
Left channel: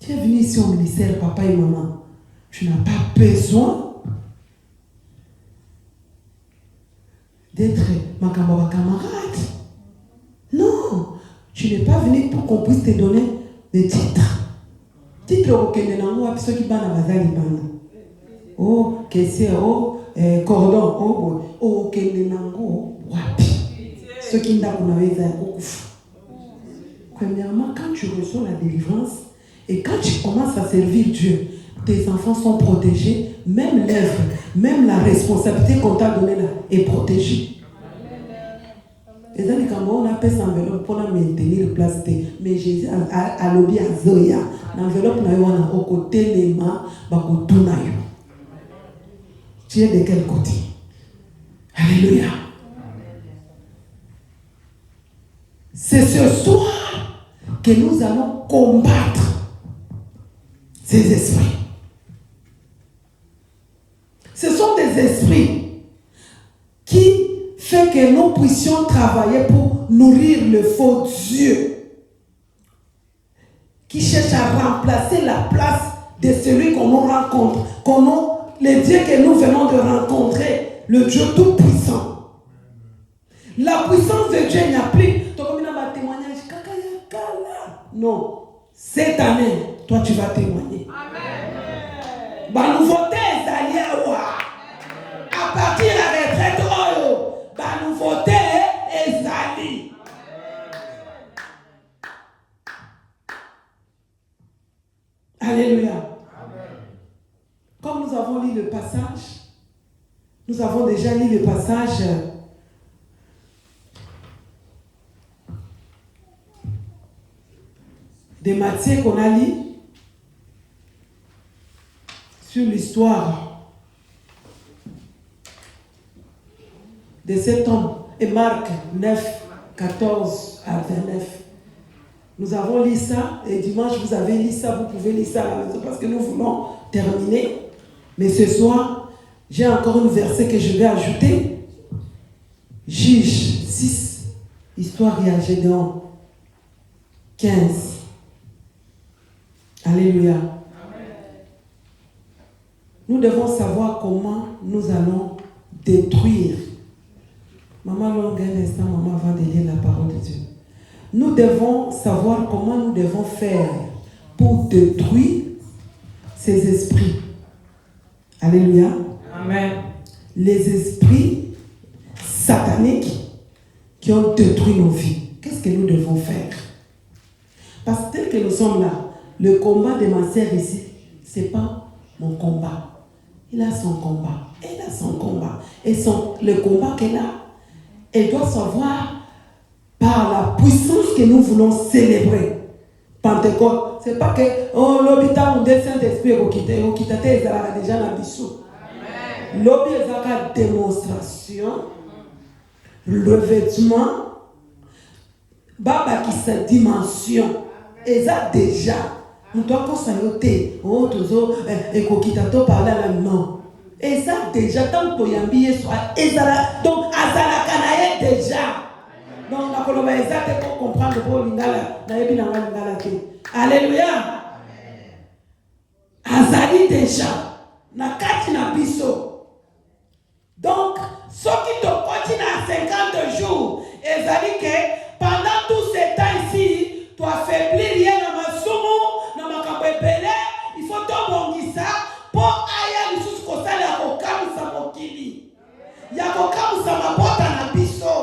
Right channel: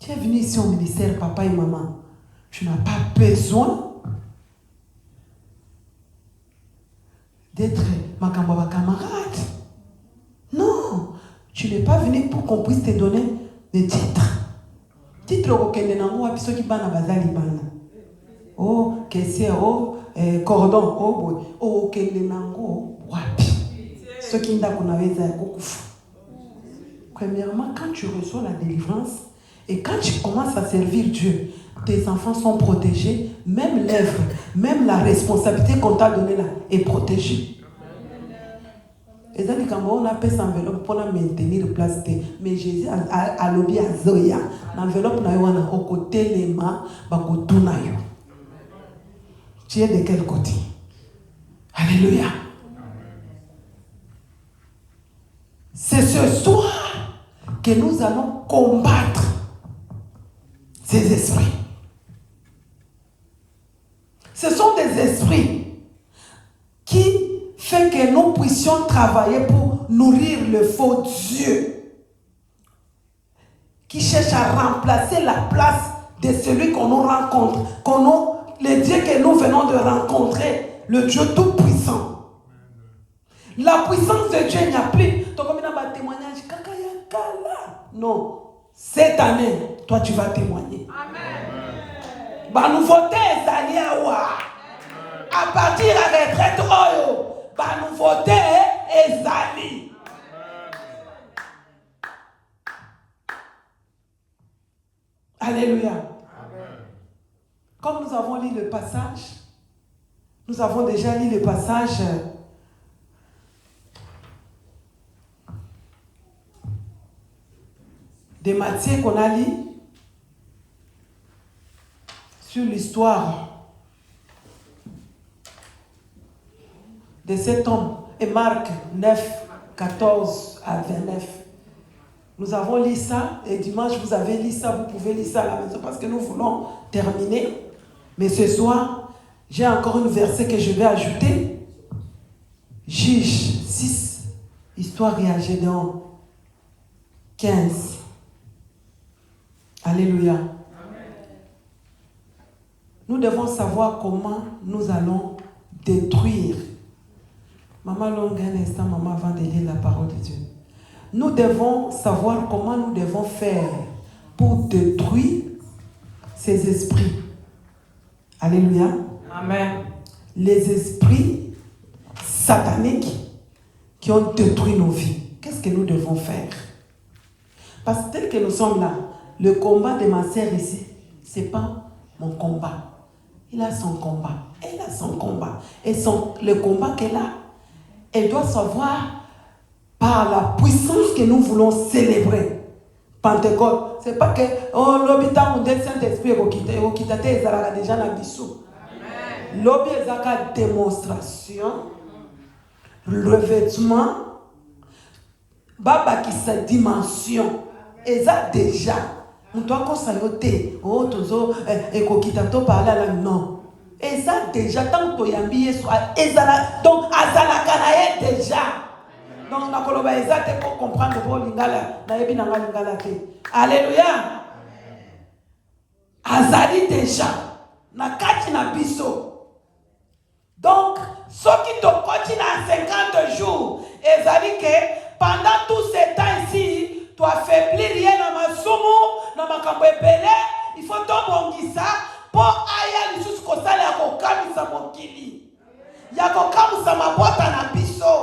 Tu es venu ici au ministère, papa et maman. Tu n'as pas besoin d'être ma camarade. Non. Tu n'es pas venu pour qu'on puisse te donner des titres. Titres auxquels les gens qui sont oh, caissier, oh, cordon, oh, oh, ceux qui n'ont premièrement, quand tu reçois la délivrance et quand tu commences à servir Dieu, tes enfants sont protégés, même l'œuvre, même la responsabilité qu'on t'a donnée là est protégée. Les amis, quand on appelle ça enveloppe pour maintenir place, mais Jésus a lobby à Zoya, l'enveloppe n'a eu au côté les mains, tu es de quel côté? Alléluia. C'est ce soir que nous allons combattre ces esprits. Ce sont des esprits qui font que nous puissions travailler pour nourrir le faux Dieu, qui cherche à remplacer la place de celui qu'on nous rencontre, le Dieu que nous venons de rencontrer, le Dieu tout-puissant. La puissance de Dieu n'a plus. Non. Cette année, toi tu vas témoigner. Amen. La nouveauté est allée à partir de la retraite, la nouveauté est allée. Alléluia. Amen. Comme nous avons lu le passage, nous avons déjà lu le passage de Matthieu qu'on a lu sur l'histoire de cet homme, et Marc 9, 14 à 29. Nous avons lu ça, et dimanche vous avez lu ça, vous pouvez lire ça à la maison parce que nous voulons terminer. Mais ce soir, j'ai encore un verset que je vais ajouter. Juge 6, histoire à Gédéon 15. Alléluia. Amen. Nous devons savoir comment nous allons détruire. Maman longue un instant, maman va lire la parole de Dieu. Nous devons savoir comment nous devons faire pour détruire ces esprits. Alléluia. Amen. Les esprits sataniques qui ont détruit nos vies. Qu'est-ce que nous devons faire? Parce que tel que nous sommes là, le combat de ma sœur ici, ce n'est pas mon combat. Il a son combat. Elle a son combat. Et le combat qu'elle a, elle doit savoir par la puissance que nous voulons célébrer. Pentecôte. Ce n'est pas que, l'hôpital, on descend Saint-Esprit, au Kitate, déjà dans le bissou. L'hôpital, c'est la démonstration, le vêtement, Baba qui sa dimension. Et ça déjà. Nous devons s'arrêter. Oh, toujours, et Kokitato parle à la non. Et ça déjà, tant que Yambi soit, donc, Azala Kanaye déjà. Non, on a colobé exact pour comprendre le bon lingala. Alléluia. Azali déjà. Nakati na biso. Donc, ceux qui te continuent à 50 jours, et ça dit que pendant tout ce temps ici, tu affaiblis rien dans ma somo, dans ma kabebele, il faut t'embonguer ça pour aller jusqu'au stade ya kokamu sa mokili. Ya kokamu sa mabota na biso.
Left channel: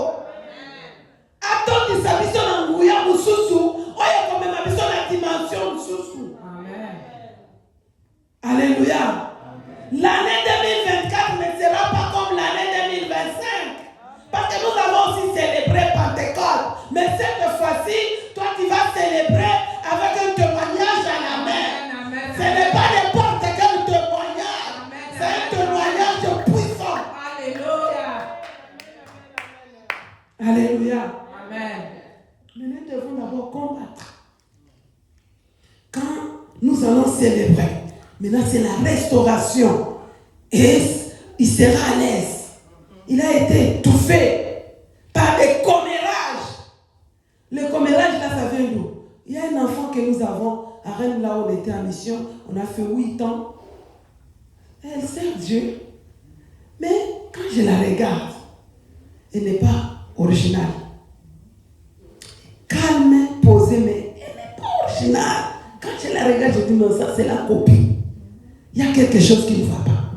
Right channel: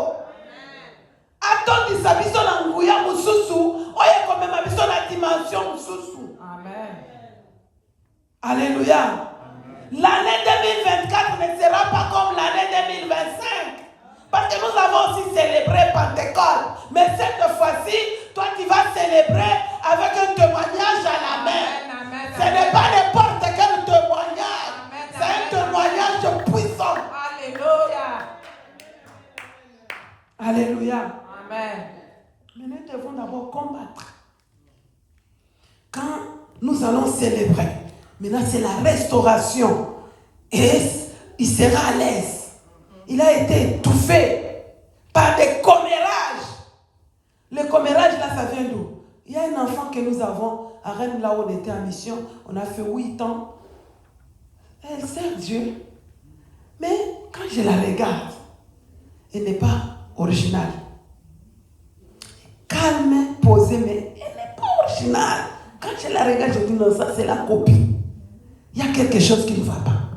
Attends sa biso na nguya mususu, oye komema biso na dimension mususu. Amen. Alléluia. L'année 2024 ne sera pas comme l'année 2025. Parce que nous avons aussi célébré Pentecôte. Mais cette fois-ci, toi tu vas célébrer avec un témoignage à la main. Ce n'est pas n'importe quel témoignage. C'est un témoignage puissant. Alléluia. Alléluia. Amen. Mais nous devons d'abord combattre. Quand nous allons célébrer, maintenant c'est la restauration. Et il sera à l'aise. Il a été étouffé par des commérages. Le commérage là, ça vient d'où? Il y a un enfant que nous avons à Rennes, là où on était en mission. On a fait 8 ans. Elle sert Dieu. Mais quand je la regarde, elle n'est pas originale. Calme, original. Quand je la regarde, je dis non, ça c'est la copie. Il y a quelque chose qui ne va pas.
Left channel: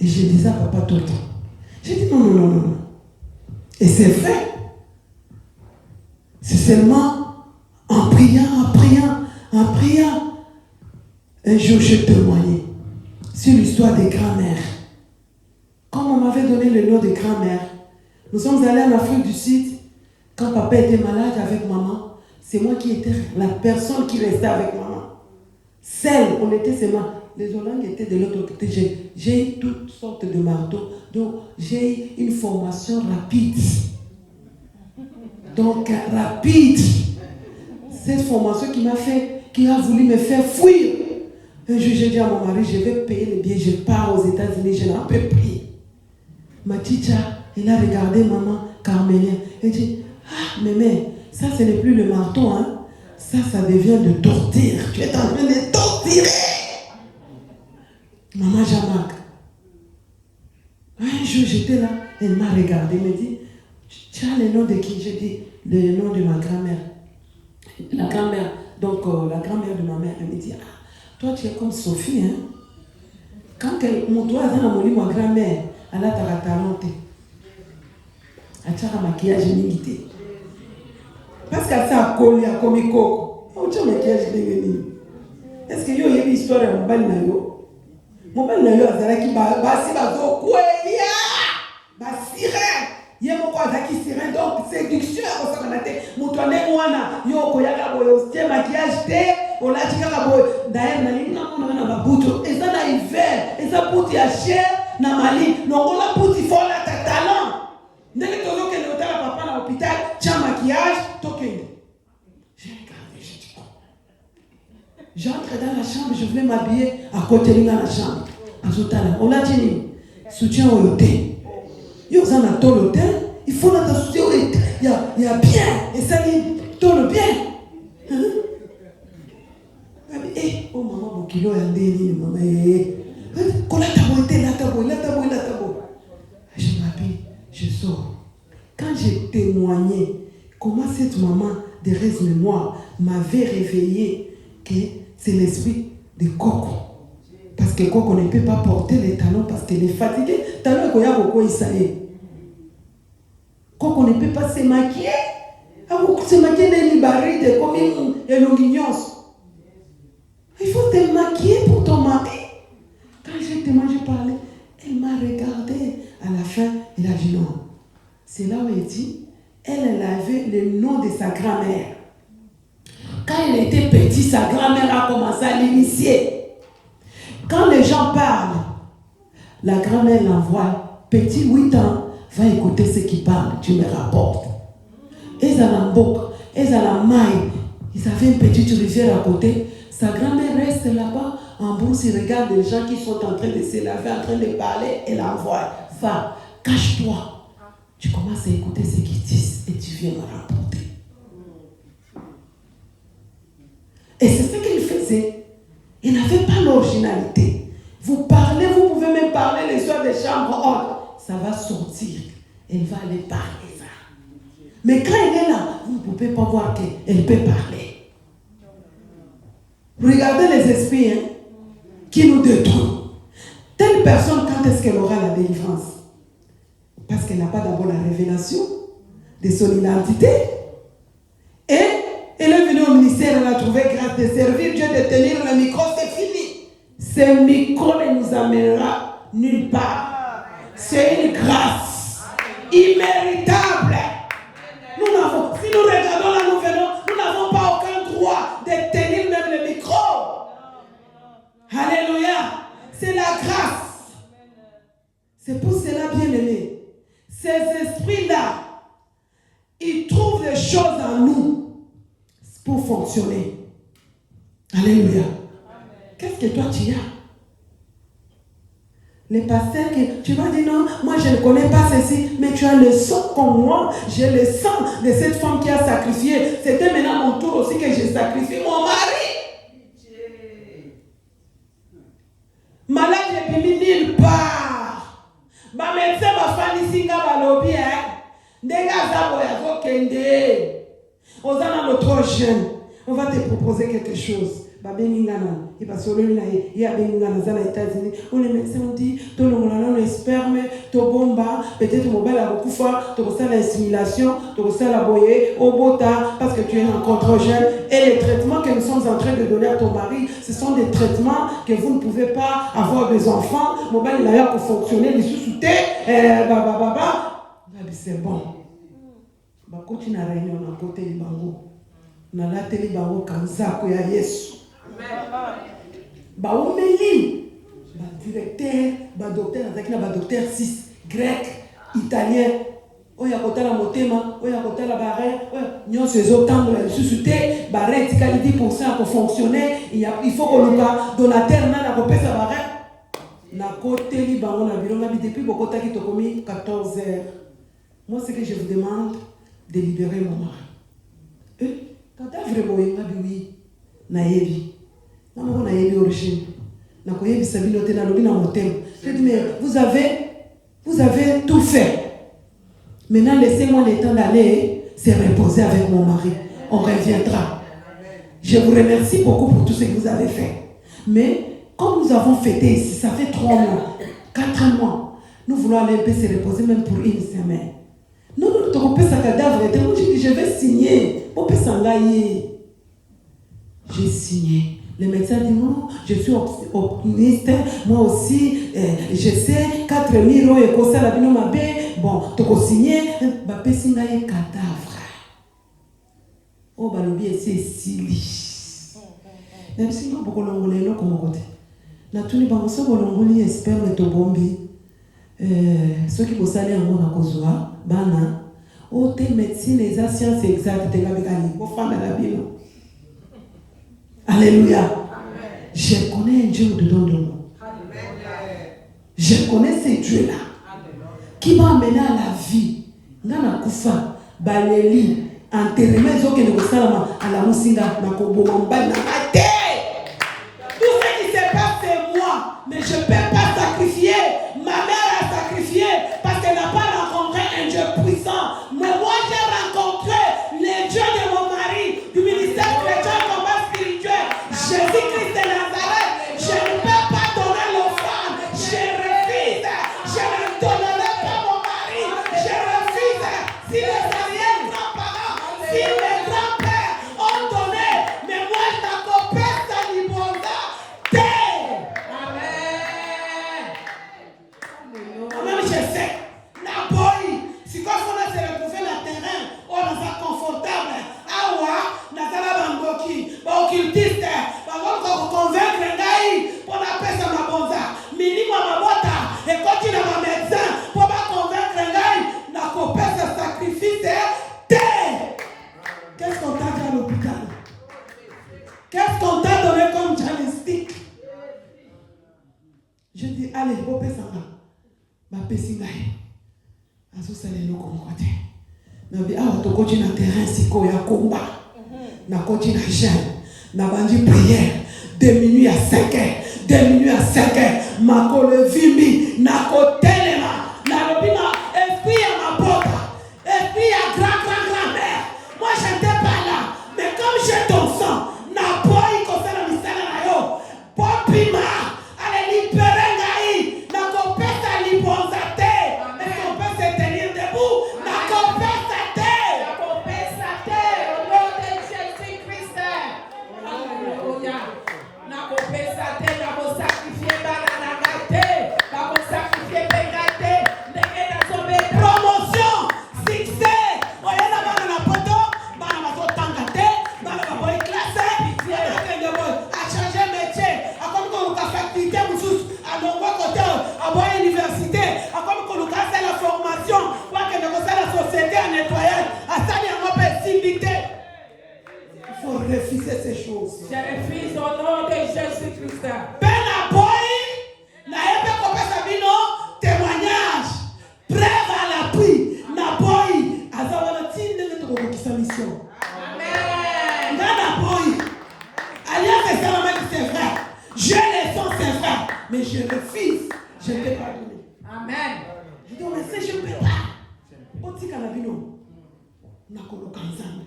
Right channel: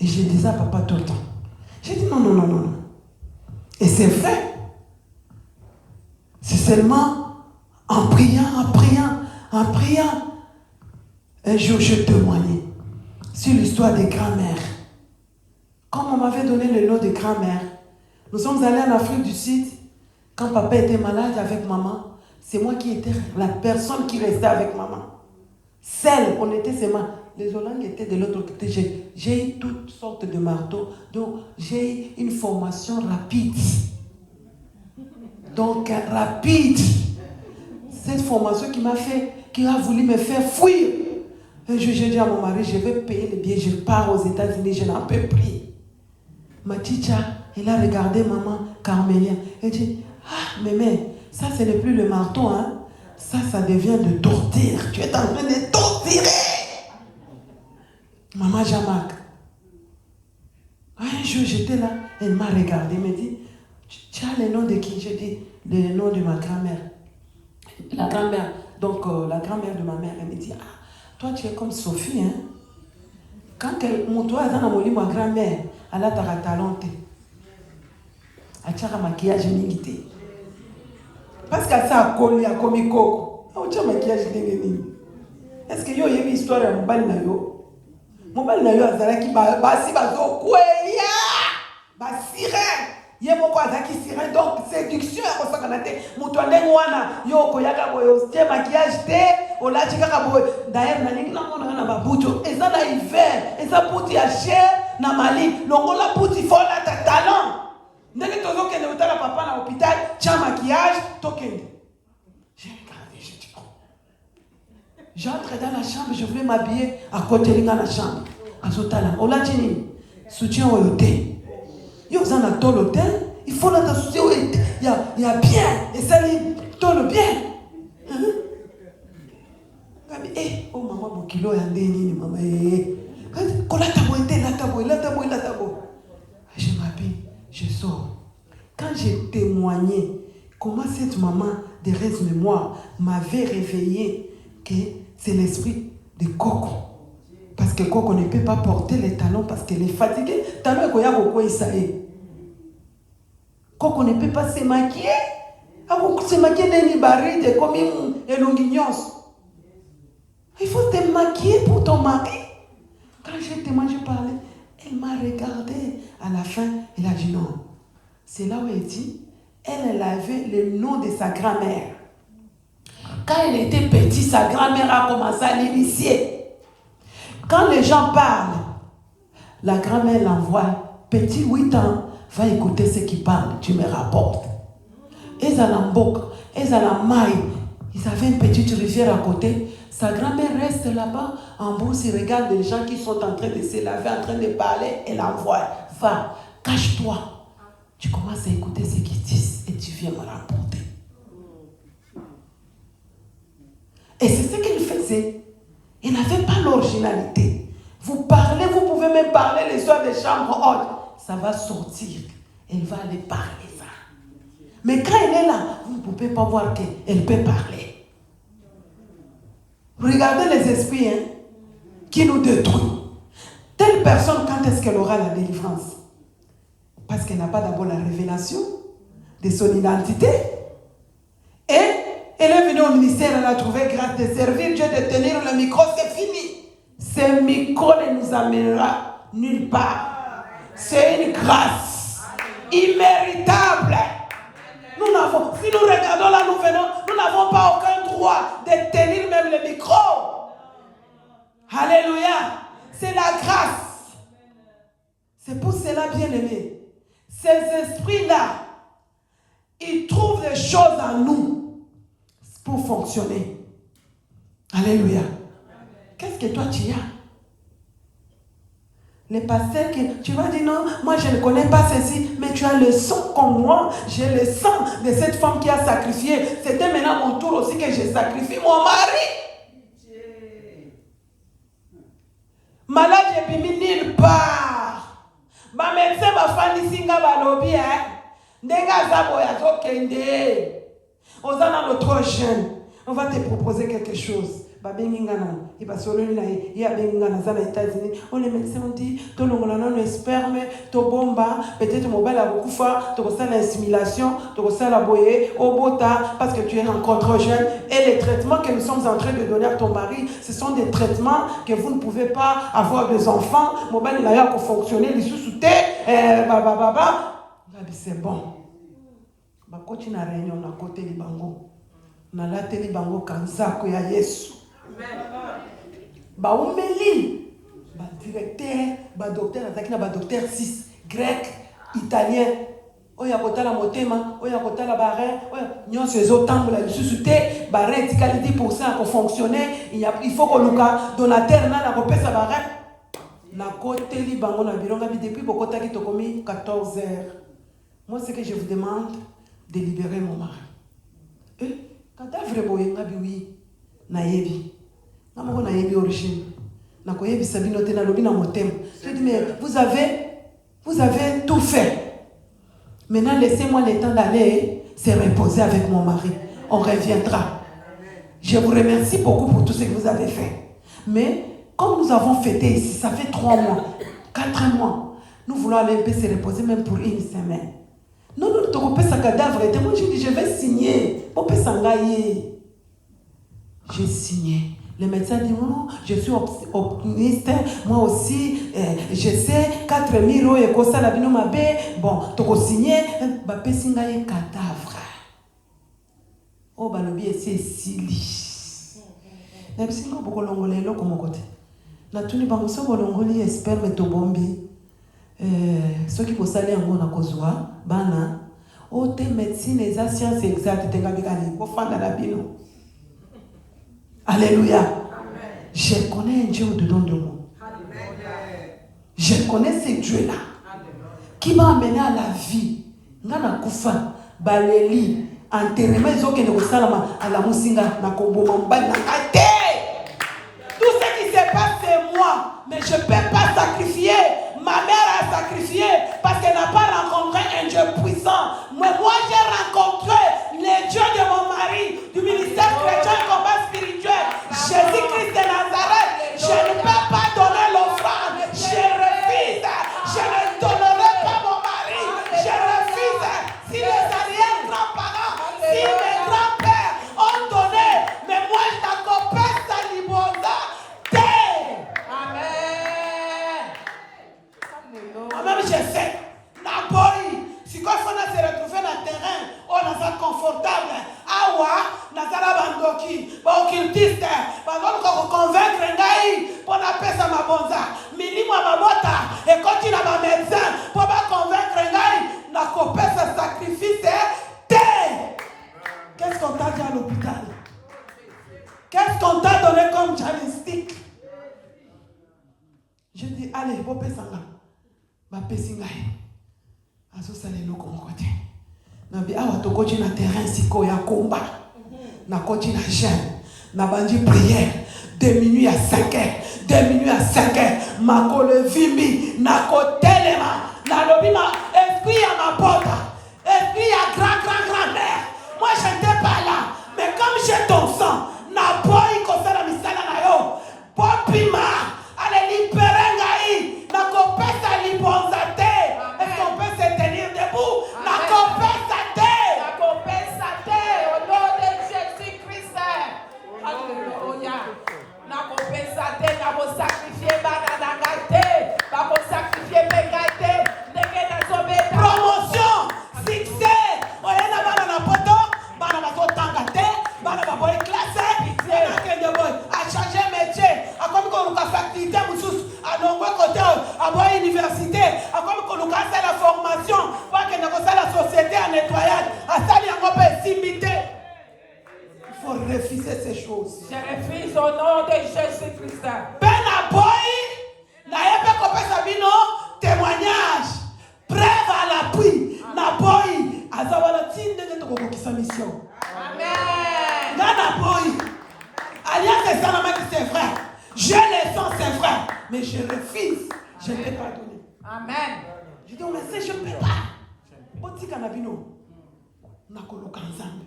Et je disais à papa tout le temps. J'ai dit non. Et c'est vrai. C'est seulement en priant. Un jour, je témoignais sur l'histoire des grands-mères. Quand on m'avait donné le nom de grand-mère, nous sommes allés en Afrique du Sud. Quand papa était malade avec maman, c'est moi qui étais la personne qui restait avec maman. Celle, on était seulement. Les Hollandais étaient de l'autre côté. J'ai eu toutes sortes de marteaux. Donc, j'ai eu une formation rapide. Donc, rapide. Cette formation qui a voulu me faire fuir. Un jour, j'ai dit à mon mari, je vais payer les billets, je pars aux États-Unis, je n'en peux plus. Ma teacher, il a regardé maman Carmélien. Elle dit, ah, mais ça, ce n'est plus le marteau, hein. Ça devient de torture. Tu es en train de torturer. Maman Jean-Marc. Un jour, j'étais là, elle m'a regardé, elle m'a dit, tu as le nom de qui? J'ai dit, le nom de ma grand-mère. La grand-mère, donc la grand-mère de ma mère, elle me dit, ah, toi tu es comme Sophie, hein. Quand mon doigt est dans ma grand-mère, elle a ta talente. Elle a un maquillage limité. Parce qu'elle s'est collée à Comico. Elle a un maquillage limité. Est-ce qu'il y a une histoire de mon bal? Mon bal n'a eu à Zalaki, Bassi, Bazo, Kouélia, Bassiré. Il y a mon quoi qui sirait, donc séduction, mon toilette, moi, yo, Koyaka, Boyo, maquillage, thé, on l'a dit à Boy. D'ailleurs, on a bouto, et ça n'a hiver, et ça pour à cher, n'a mali, non, on a pour t'y faire la talent. N'est-ce que l'on est à papa à l'hôpital, tiens, maquillage, token. J'ai regardé, j'ai dit, j'entre dans la chambre, je voulais m'habiller à côté de la chambre. On a dit, soutien au hôtel. Il y a un dans l'hôtel, il faut la soutien au hôtel. Il y a bien, et ça dit, tourne bien. Oh maman, mon kilo est en déni, maman. Je m'habille, je sors. Quand j'ai témoigné comment cette maman de reste-mémoire m'avait réveillé que c'est l'esprit de Coco. Parce que Coco ne peut pas porter les talons parce qu'elle est fatiguée. Talons qu'il y a beaucoup, il savait. Coco ne peut pas se maquiller. Se maquiller des libarides comme une longuignos. Il faut te maquiller pour ton mari. Quand j'ai témoigné, parlé, elle m'a regardé. À la fin, il a dit non. C'est là où elle dit, elle avait le nom de sa grand-mère. Quand elle était petite, sa grand-mère a commencé à l'initier. Quand les gens parlent, la grand-mère l'envoie, petit 8 ans, va écouter ce qui parle, tu me rapportes. Ils allaient en boucle, ils allaient en maille. Ils avaient une petite rivière à côté. Sa grand-mère reste là-bas, en bourse, il regarde les gens qui sont en train de se laver, en train de parler, et l'envoie. Va, cache-toi. Tu commences à écouter ce qu'ils disent et tu viens me rapporter. Et c'est ce qu'il faisait. Il n'avait pas l'originalité. Vous parlez, vous pouvez même parler les soirs des chambres hautes. Ça va sortir. Elle va aller parler ça. Mais quand elle est là, vous ne pouvez pas voir qu'elle peut parler. Regardez les esprits qui nous détruisent. Telle personne, quand est-ce qu'elle aura la délivrance? Parce qu'elle n'a pas d'abord la révélation de son identité. Et elle est venue au ministère, elle a trouvé grâce de servir Dieu, de tenir le micro, c'est fini. Ce micro ne nous amènera nulle part. C'est une grâce imméritable. Si nous regardons là, nous n'avons pas aucun droit de tenir même le micro. Alléluia. C'est la grâce. C'est pour cela, bien aimé, ces esprits-là, ils trouvent des choses en nous pour fonctionner. Alléluia. Qu'est-ce que toi tu as? Les pasteurs qui, tu vas dire non, moi je ne connais pas ceci, mais tu as le sang comme moi, j'ai le sang de cette femme qui a sacrifié. C'était maintenant mon tour aussi que j'ai sacrifié mon mari. Malade, je n'ai mis nulle part. Ma médecin m'a fait ici, ma lobby, Nega Zabo ya Kende. On a notre jeune. On va te proposer quelque chose. Il va se il y a des États-Unis. On les médecins ont dit, tout le monde le sperme, tout bomba, peut-être mon bel aboukufa, tout ça la simulation, tout ça la boyer, au bota, parce que tu es un contre-jeune. Et les traitements que nous sommes en train de donner à ton mari, ce sont des traitements que vous ne pouvez pas avoir des enfants. Mon bel il a pour fonctionner, les sous-soutés, c'est bon. Continue à réunion à côté du bango. Na la teli bango kanza ko ya Yesu. Baomeli, directeur, docteur, docteur 6, grec, italien, oya kotala motema, oya kotala barre, nous ces autant de suscité, barre qualité pour ça pour fonctionner, il faut que le donateur na repère sa barre. Na côté li bango na bilonga depuis beaucoup de temps commis 14 heures. Moi ce que je vous demande de libérer mon mari. Quand tu as vraiment eu oui, naïvi. Non, mais naïvi origine. Vous avez tout fait. Maintenant, laissez-moi le temps d'aller se reposer avec mon mari. On reviendra. Je vous remercie beaucoup pour tout ce que vous avez fait. Mais comme nous avons fêté ici, ça fait 3 mois, 4 mois, nous voulons aller se reposer même pour une semaine. Nous trompons sa cadavre. Je vais signer. J'ai signé. Le médecin dit non, je suis optimiste. Moi aussi, je sais, 4 000 euros et comme ça, la vie m'a fait. Bon, tu as signé. Je vais signer un cadavre. Oh, bah, le bien, c'est si. Même si nous avons l'ongolais, nous avons côté. La tuni bangoso bolongoli espère to bombi. Ceux qui posent aller en monde à Kozwa, bana. Oh, tes médecines, les sciences exactes, t'es gabigani. Pour faire la bio. Alléluia. Amen. Je connais un Dieu de don de moi. Je connais ce Dieu-là. Qui m'a amené à la vie. Nana Koufa, Baléli, enterrement, ils ont que le salama à la Moussinga, na Kobo, Mbaye, na Ate. Tout ce qui se passe, c'est moi. Mais je ne peux pas sacrifier. Ma mère a sacrifié parce qu'elle n'a pas rencontré un Dieu puissant. Mais moi, j'ai rencontré le Dieu de mon mari, du ministère chrétien, combat spirituel. Jésus-Christ de Nazareth. Je ne peux pas donner l'offrande. Je refuse. Je ne donnerai pas mon mari. Je refuse. Si les anciens grands-parents, si les grands-pères ont donné, mais moi, je n'accompagne pas l'ibonda. Même je sais, la boy, si quoi on a se retrouvé le terrain, on a confortable. Awa, Natala Bangoki, occultiste, pour convaincre les gars, pour appeler ça ma bonza. Minimum ma bota, et quand il a ma médecin, pour pas convaincre les gars, n'a coupé ce sacrifice. Qu'est-ce qu'on t'a dit à l'hôpital? Qu'est-ce qu'on t'a donné comme diagnostic? Je dis, allez, vous faites ça là. Ma pesingai azosalelo komkwate na bi awa tokoti na terrain siko ya komba na koti na jeune na bandi prière de minuit à 5 heures de minuit à 5 heures makolo vimbi na kotelema na lobina esprit ya mapota esprit ya grand-mère. Moi j'étais pas là, mais comme j'ai ton sang na boy kosala misala na yo popima allez libérer ngai na kopesa libonza te. Est-ce qu'on peut se tenir debout? Na kopesa te. Na kopesa te au nom de Jésus-Christ. Alléluia. Na kopesa te na ko sacrifier bana na gate na ko sacrifier pegate ndenge na sobe promotion succès oya na bana na poto bana na ko tanga te bana na boy classe bana ke yo boy a changer métier a comme ko ka facilité mususu a longo côté a boy université a comme ko ka faire la formation pour que na ko la société en nettoyage a ça ni on peut limiter. Il faut refuser ces choses. Je refuse au nom de Jésus-Christ. Ben la boy, na yepe kopesa bino témoignage, preuve à l'appui. Na boy, azabala tinde ko kokisa mission. Amen. Na boy, alliance c'est quand même c'est vrai. Je le sens c'est vrai, mais je refuse. Je ne peux pas donner. Amen. Je dis mais je ne peux pas. Otika na bino na koloka nzambe.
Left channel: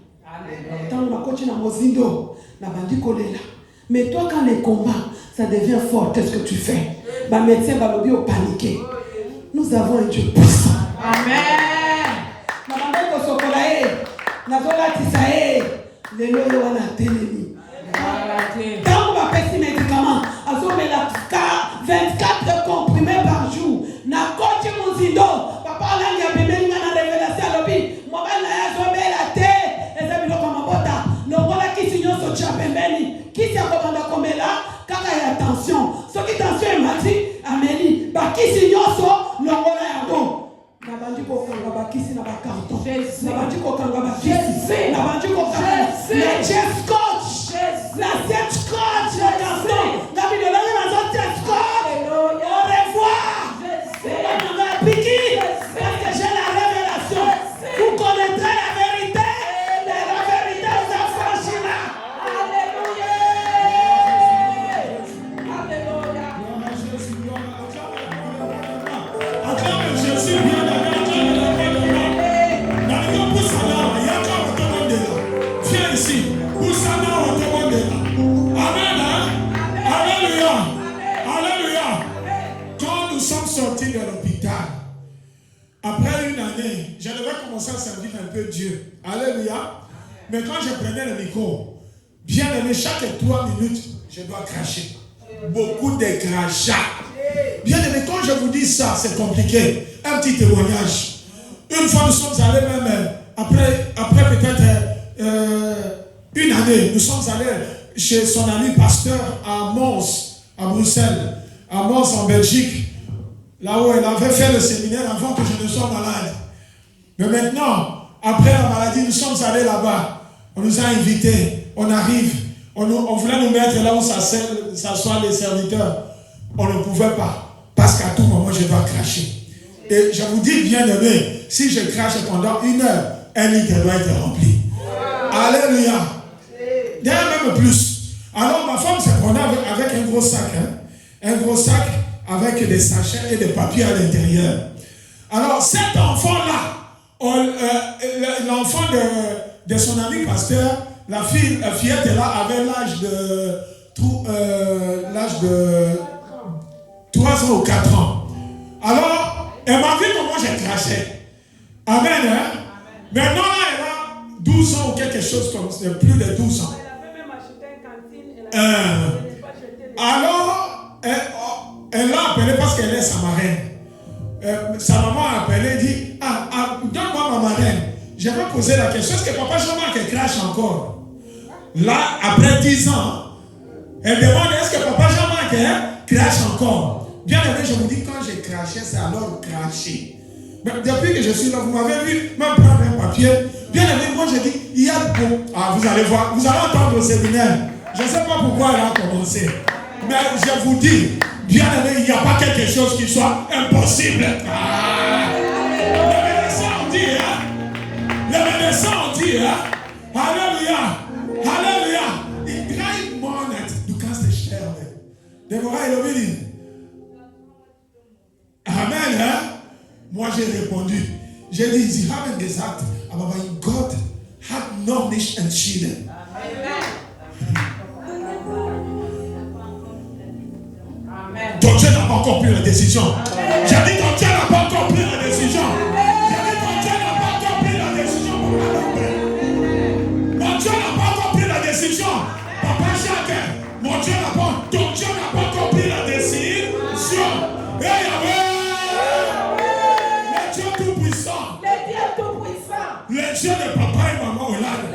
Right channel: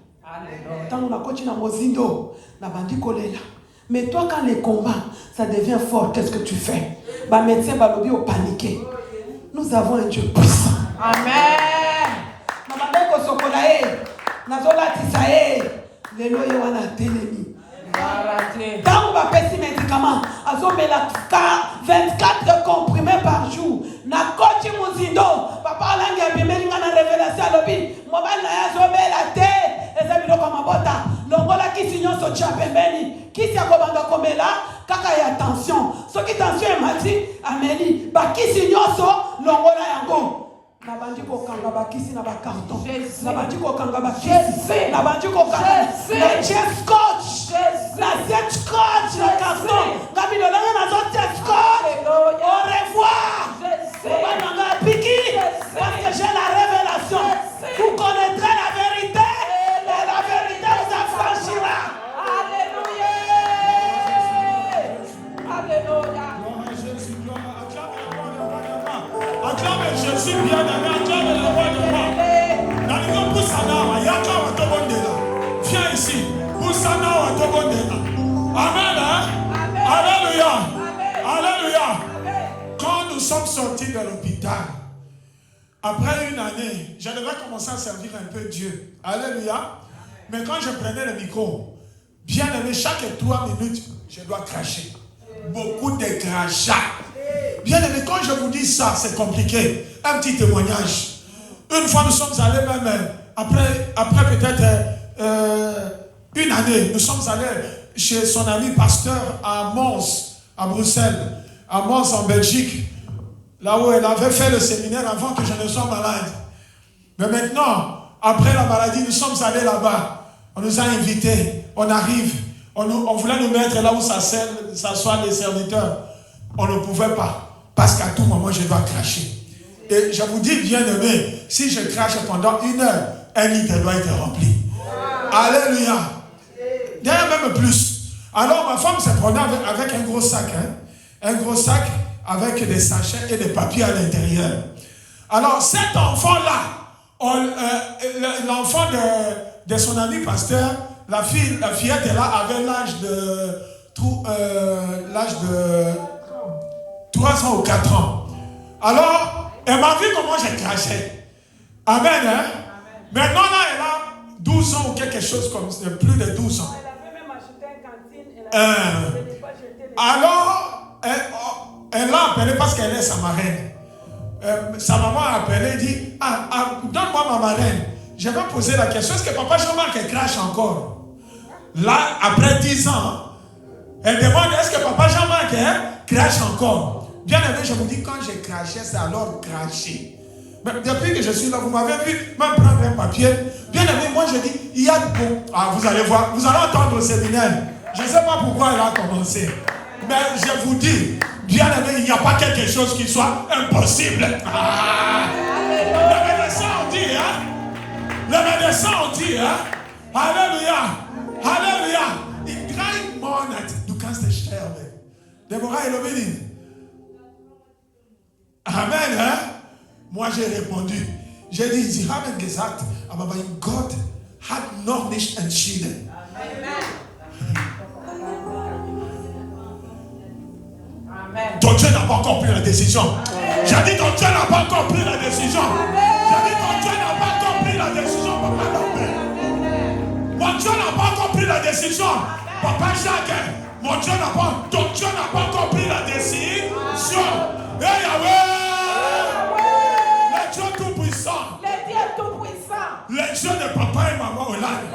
Quand on a continué à Mozindo, on a vendu Kolela. Mais toi, quand les combats, ça devient fort, qu'est-ce que tu fais? Ma médecin va le dire au paniqué. Nous avons un Dieu puissant. Amen. Quand on va faire ces médicaments, on a 24 comprimés par jour. Na coach Mozindo, papa on a bien na révélation à l'obi. Moi ben na zo be la te, et ça bilo comme bota. No voilà qui signons so chapembeni. Qui t'a commandé comme là, quand il y a tension. Ce qui tension est mati, Amélie, ba qui signons so, no voilà yango. Na banji ko kanga ba kisi na ba kanto. Na banji ko kanga ba kisi. Na banji ko kanga. Le chef coach. La chef coach, la canton. Gabi le na zo chef coach. Au revoir. On a piqué parce que j'ai la révélation. Vous connaîtrez la vérité et la vérité vous affranchira. Alléluia. Alléluia. Je suis bien d'accord. Viens ici. Amen. Alléluia. Alléluia. Quand nous sommes sortis de l'hôpital, après une année, je devais commencer à servir un peu Dieu. Alléluia. Mais quand je prenais le micro, bien aimé, chaque 3 minutes, je dois cracher. Beaucoup de crachats. Bien aimé, quand je vous dis ça, c'est compliqué. Un petit témoignage. Une fois, nous sommes allés même, après peut-être une année, nous sommes allés chez son ami pasteur à Mons, à Bruxelles, à Mons en Belgique, là où elle avait fait le séminaire avant que je ne sois malade. Mais maintenant, après la maladie, nous sommes allés là-bas. On nous a invités, on arrive, on voulait nous mettre là où s'assoient les serviteurs. On ne pouvait pas, parce qu'à tout moment, je dois cracher. Et je vous dis, bien aimé, si je crache pendant 1 heure, un litre doit être rempli. Alléluia. D'ailleurs, même plus. Alors, ma femme s'est promenée avec un gros sac. Un gros sac avec des sachets et des papiers à l'intérieur. Alors, cet enfant-là, l'enfant de son ami pasteur, la fillette est là, avait l'âge de 3 ans ou 4 ans. Alors, elle m'a vu comment j'ai craché. Amen, hein? Maintenant, là, elle a 12 ans ou quelque chose comme ça, plus de 12 ans. Elle avait même acheté une cantine. Alors, elle l'a appelé parce qu'elle est sa marraine. Sa maman a appelé et dit, donne-moi ma marraine. Je vais poser la question, est-ce que papa Jean-Marc crache encore? Là, après 10 ans, elle demande, est-ce que papa Jean-Marc crache encore? Bien aimé, je vous dis, quand j'ai craché, c'est alors cracher. Mais depuis que je suis là, vous m'avez vu, même prendre un papier. Bien aimé, moi je dis, il y a beaucoup. Ah, vous allez voir, vous allez entendre le séminaire. Je ne sais pas pourquoi elle a commencé. Mais je vous dis, bien aimé, il n'y a pas quelque chose qui soit impossible. Le médecin on dit, le médecin on dit, Alléluia, Alléluia. Il crie monet, du kannst es sterben. Deborah Elohim. Amen, hein? Moi j'ai répondu. J'ai dit, Sie haben gesagt, aber mein Gott hat noch nicht entschieden. Amen. Ton Dieu n'a pas encore pris la décision. J'ai dit, ton Dieu n'a pas encore pris la décision. J'ai dit, ton Dieu n'a pas encore pris la décision. Mon Dieu n'a pas encore pris la décision. Papa Jacques, mon Dieu n'a pas, ton Dieu n'a pas encore pris la décision. Et Yahweh, le Dieu tout-puissant, le Dieu de papa et maman Olade,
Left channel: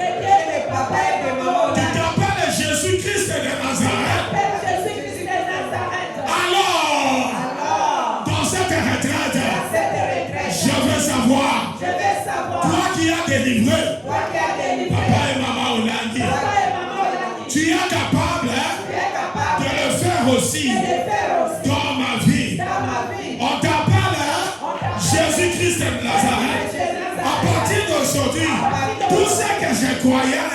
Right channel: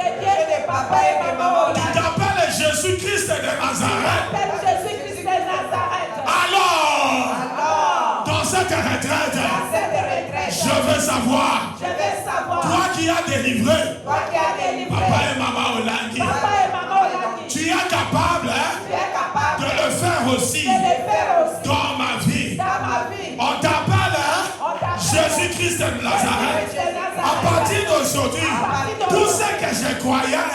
qui t'appelle Jésus-Christ de Nazareth. Alors, dans cette retraite, je veux savoir, toi qui as délivré papa et maman Olade, tu es capable de le faire aussi dans ma vie. On t'appelle Jésus-Christ de Nazareth. À partir d'aujourd'hui, tout ce que je croyais